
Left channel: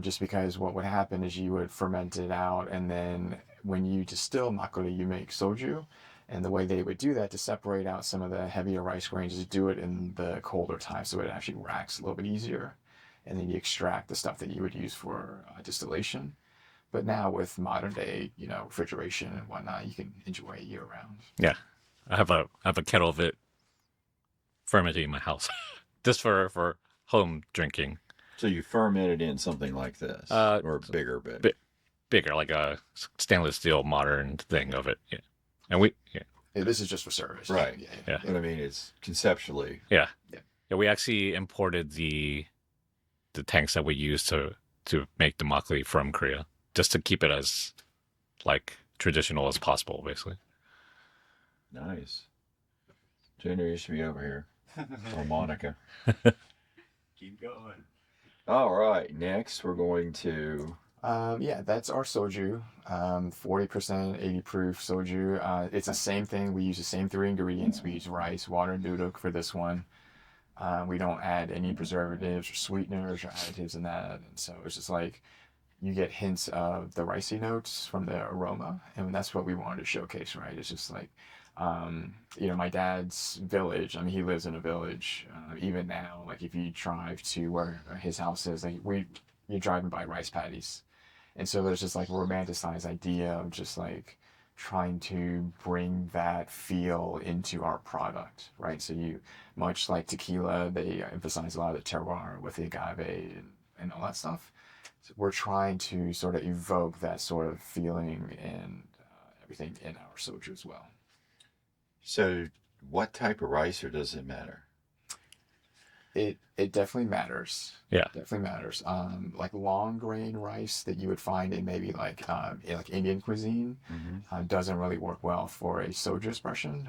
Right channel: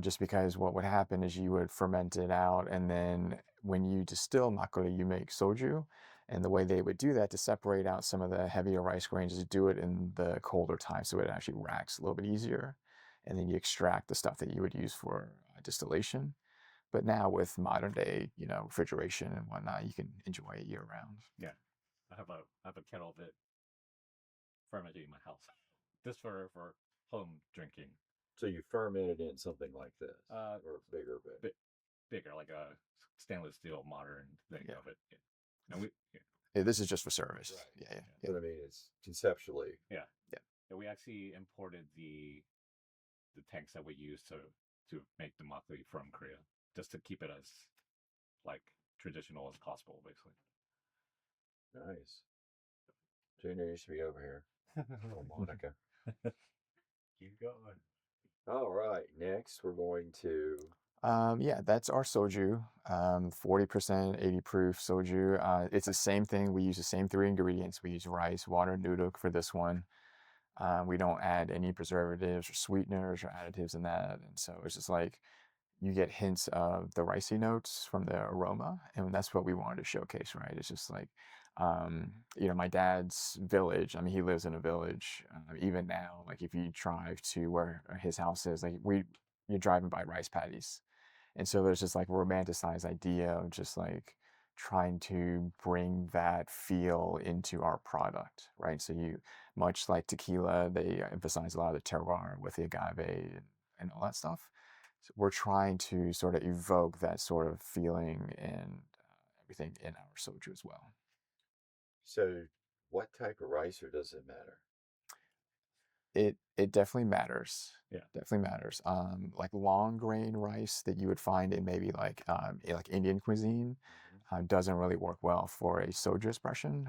Just because what would happen is you would ferment it out, and then when you distill makgeolli, you make soju. And the way they would do that to separate out some of the heavier rice grains is do it in the colder time, so it actually racks a little bit easier. And then you extract the stuff that you would use for distillation. But now with modern day, refrigeration and whatnot, you can enjoy it year round. Yeah. I have a kettle of it fermenting in my house, just for home drinking. So you ferment it in something like this, or bigger bit. Bigger, like a stainless steel modern thing of it. Yeah. And This is just for service. Right. Yeah. But I mean, it's conceptually. yeah, we actually imported the tanks that we use to make the makgeolli from Korea, just to keep it as like traditional as possible, basically. Nice. Junior, you should be over here. Or Monica. Keep going. All right. Next, we're going to Yeah, that's our soju. 40%, 80 proof soju. It's the same thing. We use the same three ingredients. We use rice, water, and noodle for this one. We don't add any preservatives or sweeteners or additives in that. And so it's just like you get hints of the ricey notes from the aroma. And that's what we wanted to showcase, right? It's just like, my dad's village, I mean, he lives in a village. Even now, like if you drive to where his house is, you're driving by rice paddies. And so there's just like a romanticized idea of just like trying to bring that feel into our product, right? So much like tequila, they emphasize a lot of the terroir with the agave and all that stuff. So we're trying to sort of evoke that sort of feeling and everything in our soju as well. So, what type of rice, or does it matter? It definitely matters. Yeah. Definitely matters. Like long grain rice that you would find in maybe like Indian cuisine doesn't really work well for a soju expression.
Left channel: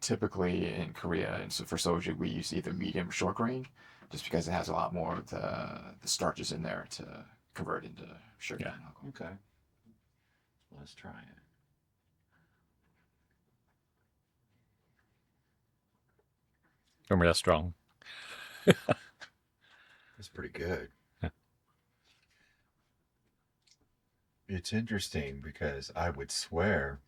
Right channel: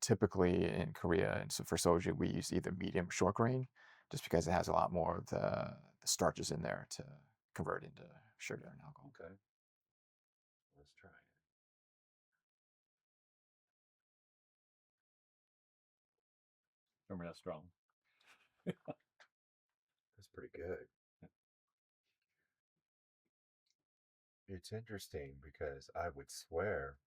Typically in Korea, and so for soju we use either medium or short grain, just because it has a lot more of the starches in there to convert into sugar and alcohol. Okay. Let's try it. Remember that's strong. That's pretty good. Yeah. It's interesting because I would swear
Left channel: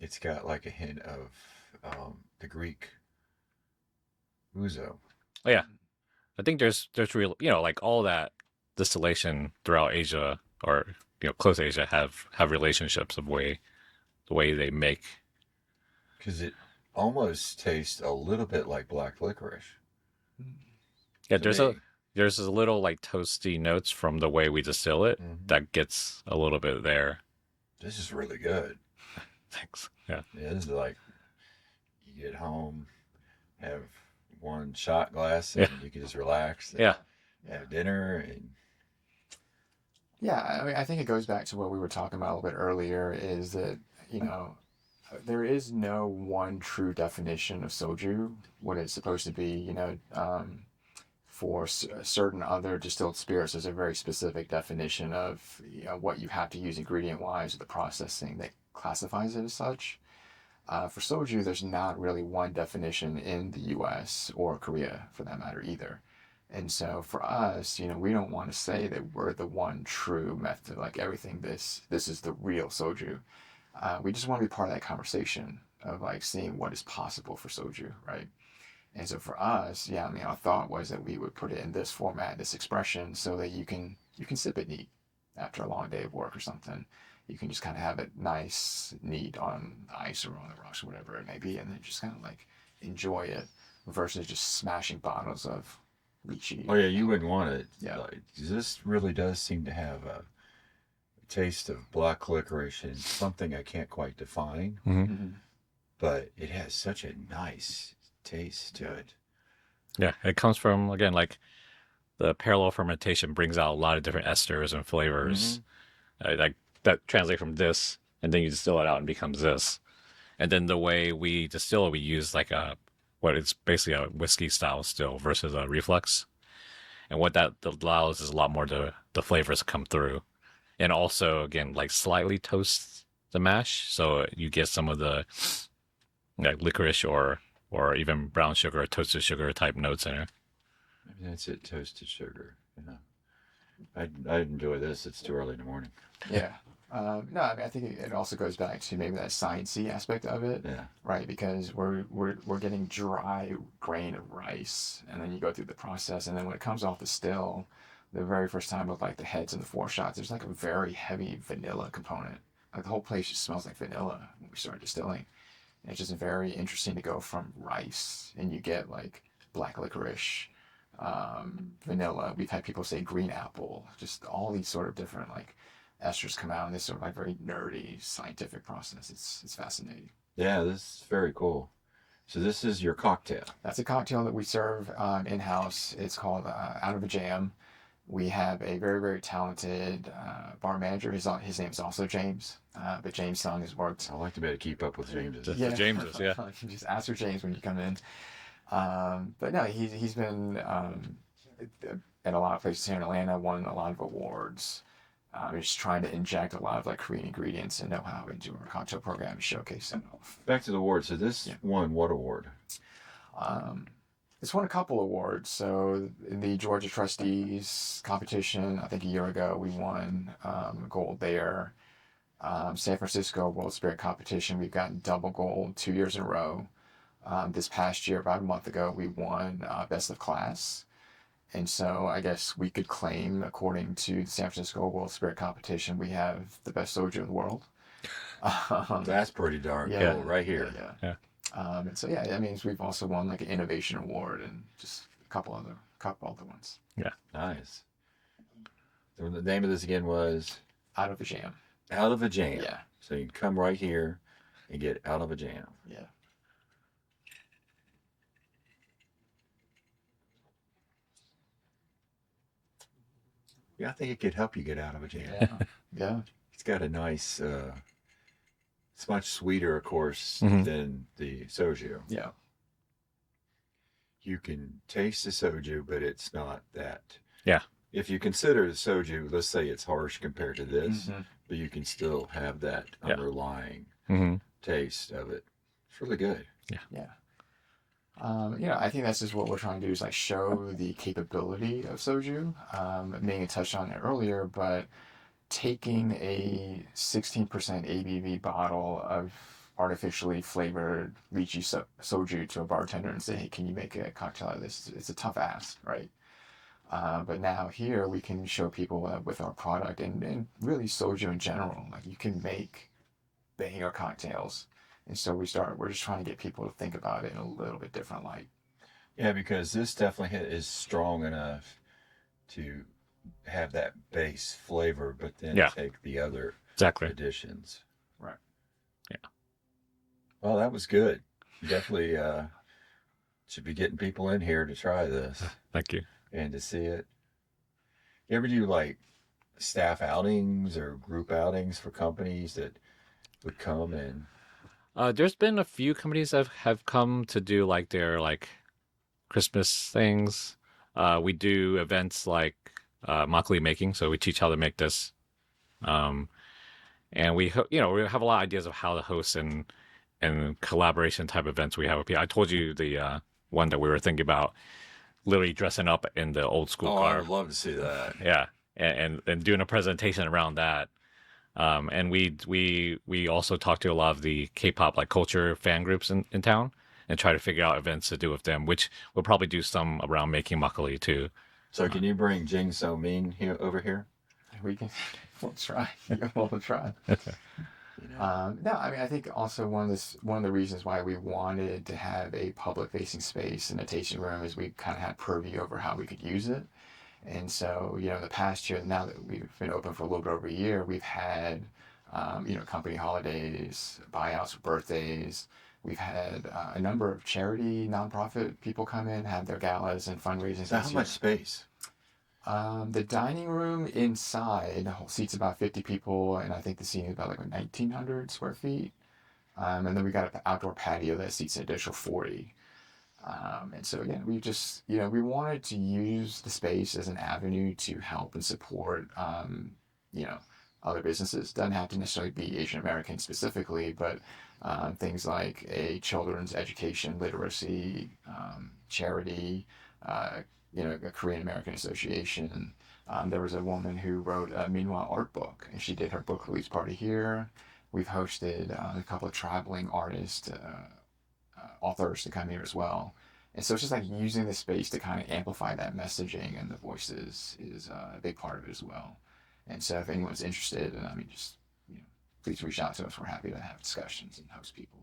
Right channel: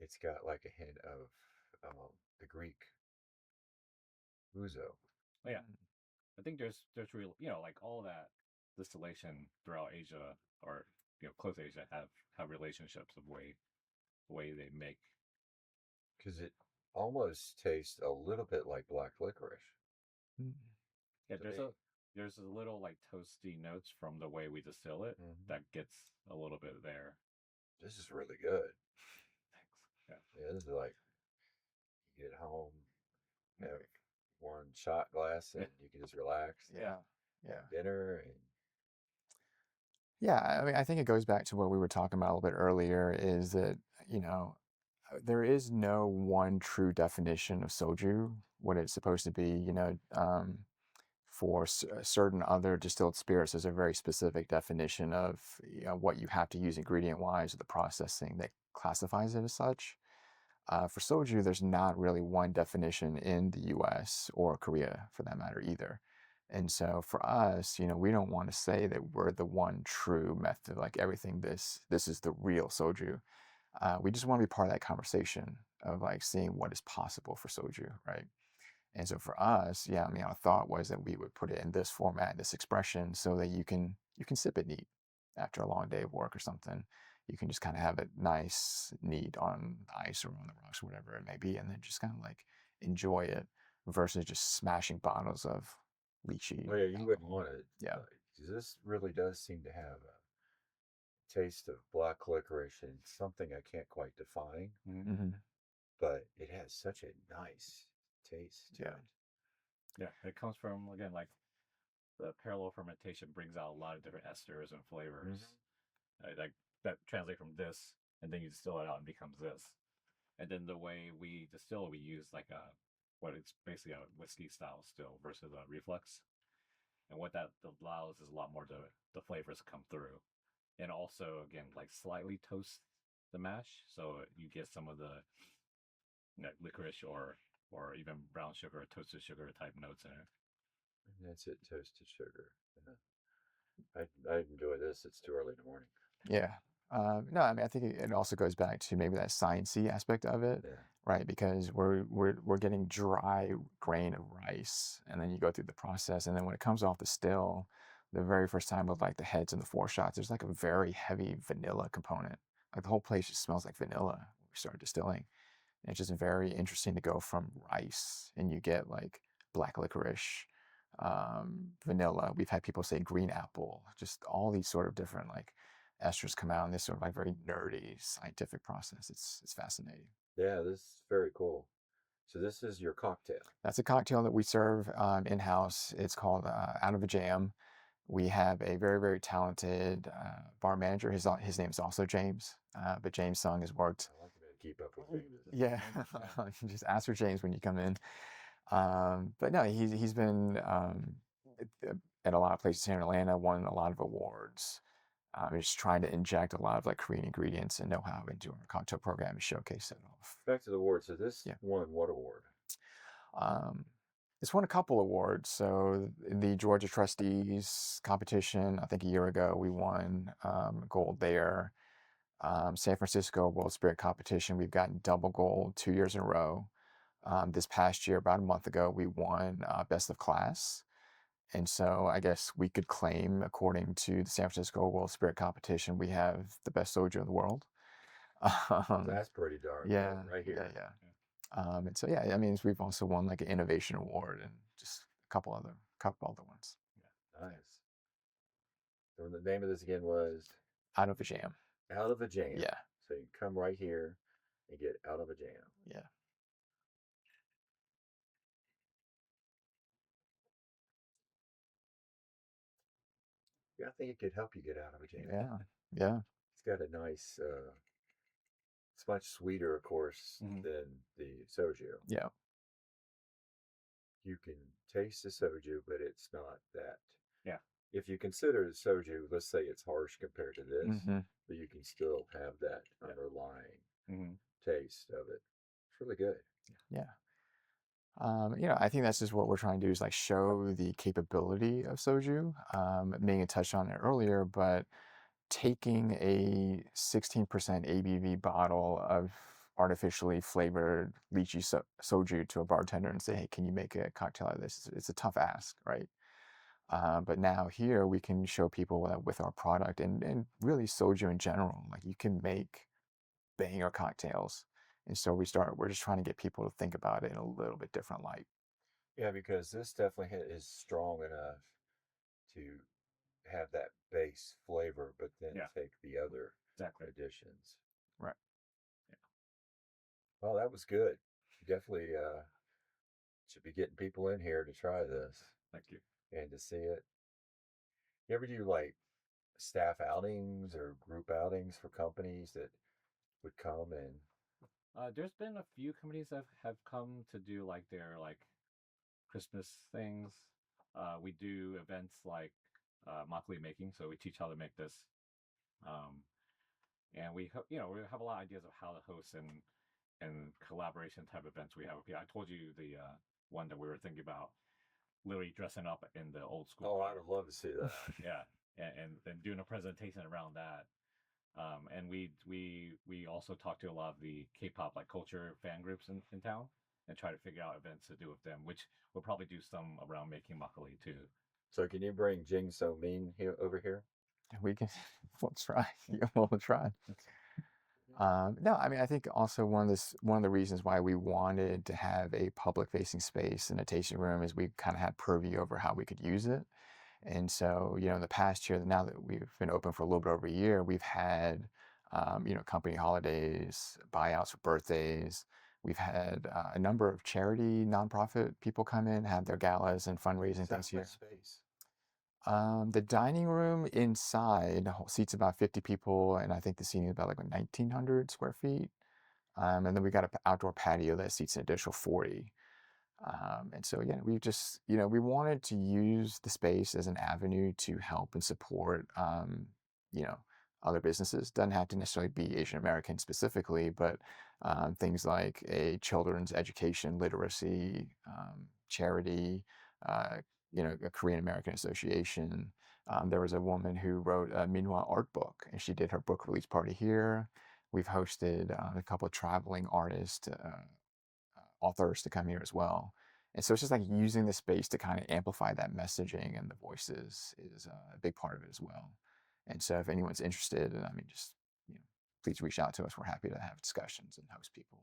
it's got like a hint of the Greek ouzo. Oh, yeah. I think there's real, like all that distillation throughout Asia or close Asia have relationships of the way they make. Because it almost tastes a little bit like black licorice. Yeah, to me. there's a little like toasty notes from the way we distill it that gets a little bit there. This is really good. Thanks. Yeah. Yeah, this is like you get home, have one shot glass, and you can just relax. And Yeah. have dinner and. Yeah, I mean, I think it goes back to what we were talking about a little bit earlier, is that, there is no one true definition of soju, what it's supposed to be. For certain other distilled spirits, there's a very specific definition of what you have to use ingredient-wise or the processing that classifies it as such. For soju, there's not really one definition in the US or Korea for that matter either. And so for us, we don't want to say that we're the one true method, like everything this is the real soju. We just want to be part of that conversation of like seeing what is possible for soju, right? And so for us, yeah, I mean, our thought was that we would put it in this format, this expression, so that you can sip it neat after a long day of work or something. You can just kind of have it nice, neat on ice or on the rocks or whatever it may be, and then just kind of like enjoy it versus just smashing bottles of lychee. Oh yeah, you wouldn't want it. Yeah. This really does seem to have a taste of black licorice and something I can't quite define, but it has such a nice taste to it. Yeah, it comes from, again, like the parallel fermentation brings out a lot of different esters and flavors. Like that translate from this, and then you distill it out and becomes this. And then the way we distill it, we use like what it's basically a whiskey style still versus a reflux. And what that allows is a lot more the flavors come through. And also, again, like slightly toast the mash, so you get some of the like licorice or even brown sugar or toasted sugar type notes in there. Maybe that's it, toasted sugar. I enjoy this. It's too early in the morning. Yeah. No, I mean, I think it also goes back to maybe that sciencey aspect of it, right? Because we're getting dry grain of rice, and then you go through the process, and then when it comes off the still, the very first time with like the heads and the foreshots, there's like a very heavy vanilla component. Like the whole place just smells like vanilla when we start distilling. And it's just very interesting to go from rice, and you get like black licorice, vanilla. We've had people say green apple, just all these sort of different like esters come out in this sort of like very nerdy scientific process. It's fascinating. Yeah, this is very cool. So this is your cocktail. That's a cocktail that we serve in-house. It's called Out of a Jam. We have a very, very talented bar manager. His name's also James, but James Sung has worked. I like to be able to keep up with James. Yeah, Jameses, yeah. Just ask for James when you come in. But no, he's been at a lot of places here in Atlanta, won a lot of awards. Just trying to inject a lot of like Korean ingredients and know-how into our cocktail program and showcase them off. Back to the awards. So this won what award? It's won a couple awards. So in the Georgia Trustees competition, I think a year ago, we won gold there. San Francisco World Spirit competition, we've gotten double gold 2 years in a row. This past year, about a month ago, we won best of class. And so I guess we could claim, according to the San Francisco World Spirit competition, we have the best soju in the world. That's pretty darn cool right here. Yeah. And so, I mean, we've also won like an innovation award and just a couple other ones. Yeah. Nice. So the name of this again was? Out of a Jam. Out of a Jam. Yeah. So you can come right here and get Out of a Jam. Yeah. Yeah, I think it could help you get out of a jam. Yeah. Yeah. It's got a nice, it's much sweeter, of course, than the soju. Yeah. You can taste the soju, but it's not that. Yeah. If you consider the soju, let's say it's harsh compared to this, but you can still have that underlying taste of it. It's really good. Yeah. Yeah. I think that's just what we're trying to do is like show the capability of soju. Ming had touched on it earlier, but taking a 16% ABV bottle of artificially flavored lychee soju to a bartender and say, hey, can you make a cocktail out of this? It's a tough ask, right? But now here we can show people that with our product and really soju in general, like you can make banger cocktails. And so we're just trying to get people to think about it in a little bit different light. Yeah, because this definitely is strong enough to have that base flavor, but then take the other additions. Right. Yeah. Well, that was good. Definitely should be getting people in here to try this. Thank you. And to see it. You ever do like staff outings or group outings for companies that would come and... There's been a few companies that have come to do like their like Christmas things. We do events like makgeolli making, so we teach how to make this. And we have a lot of ideas of how to host and collaboration type events we have with people. I told you the one that we were thinking about, literally dressing up in the old school car. I would love to see that. Yeah, and doing a presentation around that. And we also talk to a lot of the K-pop like culture fan groups in town and try to figure out events to do with them, which we'll probably do some around making makgeolli too. So can you bring Jing So Ming here over here? We'll try. We'll try. No, I mean, I think also one of the reasons why we wanted to have a public facing space and a tasting room is we kind of had purview over how we could use it. And so, in the past year, now that we've been open for a little bit over a year, we've had, company holidays, buyouts for birthdays. We've had a number of charity, nonprofit people come in, have their galas and fundraising. So how much space? The dining room inside seats about 50 people, and I think the seating is about like 1,900 square feet. And then we got an outdoor patio that seats an additional 40. And so again, we just, we wanted to use the space as an avenue to help and support, other businesses. Doesn't have to necessarily be Asian American specifically, but things like a children's education, literacy, charity, a Korean American association. There was a woman who wrote a Minhwa art book, and she did her book release party here. We've hosted a couple of traveling artists, authors to come here as well. And so it's just like using the space to kind of amplify that messaging, and the voices is a big part of it as well. And so if anyone's interested, just please reach out to us. We're happy to have discussions and host people.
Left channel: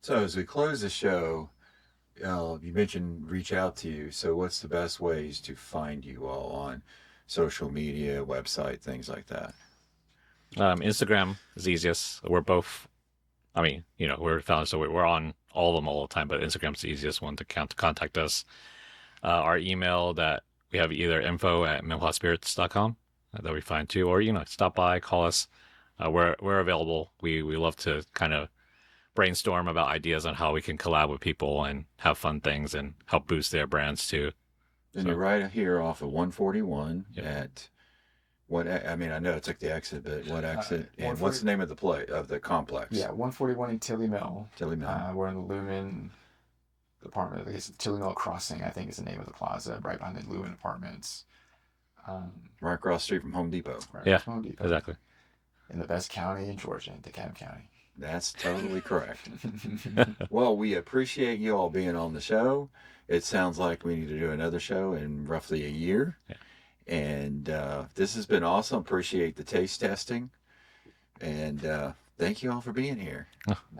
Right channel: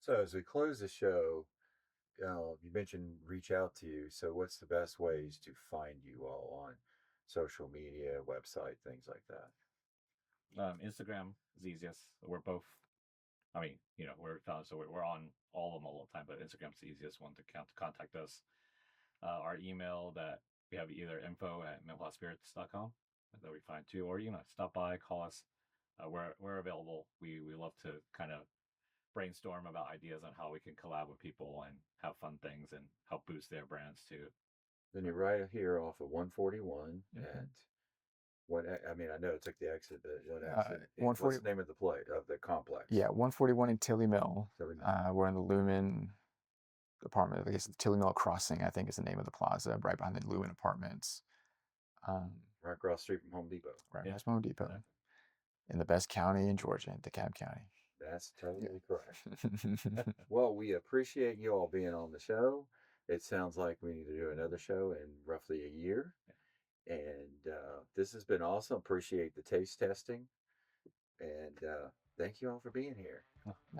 So as we close the show, you mentioned reach out to you. So what's the best ways to find you all on social media, website, things like that? Instagram is the easiest. We're both, we're founded, so we're on all of them all the time, but Instagram's the easiest one to contact us. Our email that we have either info@minhwaspirits.com that we find too, or, stop by, call us. We're available. We love to kind of brainstorm about ideas on how we can collab with people and have fun things and help boost their brands too. Then So- you're right here off of 141 Yep. at what? I mean, I know it took the exit, but what exit? And 140 what's the name of the complex? Yeah, 141 in Tilly Mill. Tilly Mountain. We're in the Lumen apartment. I guess Tilly Mill Crossing, I think, is the name of the plaza, right behind the Lumen Apartments. Right across the street from Home Depot. Right Yeah, across from Home Depot. Exactly. In the best county in Georgia, DeKalb County. That's totally correct. Well, we appreciate you all being on the show. It sounds like we need to do another show in roughly a year. Yeah. And this has been awesome. Appreciate the taste testing. And thank you all for being here.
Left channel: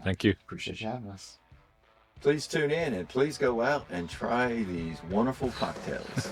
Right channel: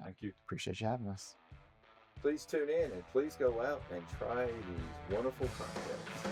Thank you. Appreciate you having us. Please tune in and please go out and try these wonderful cocktails.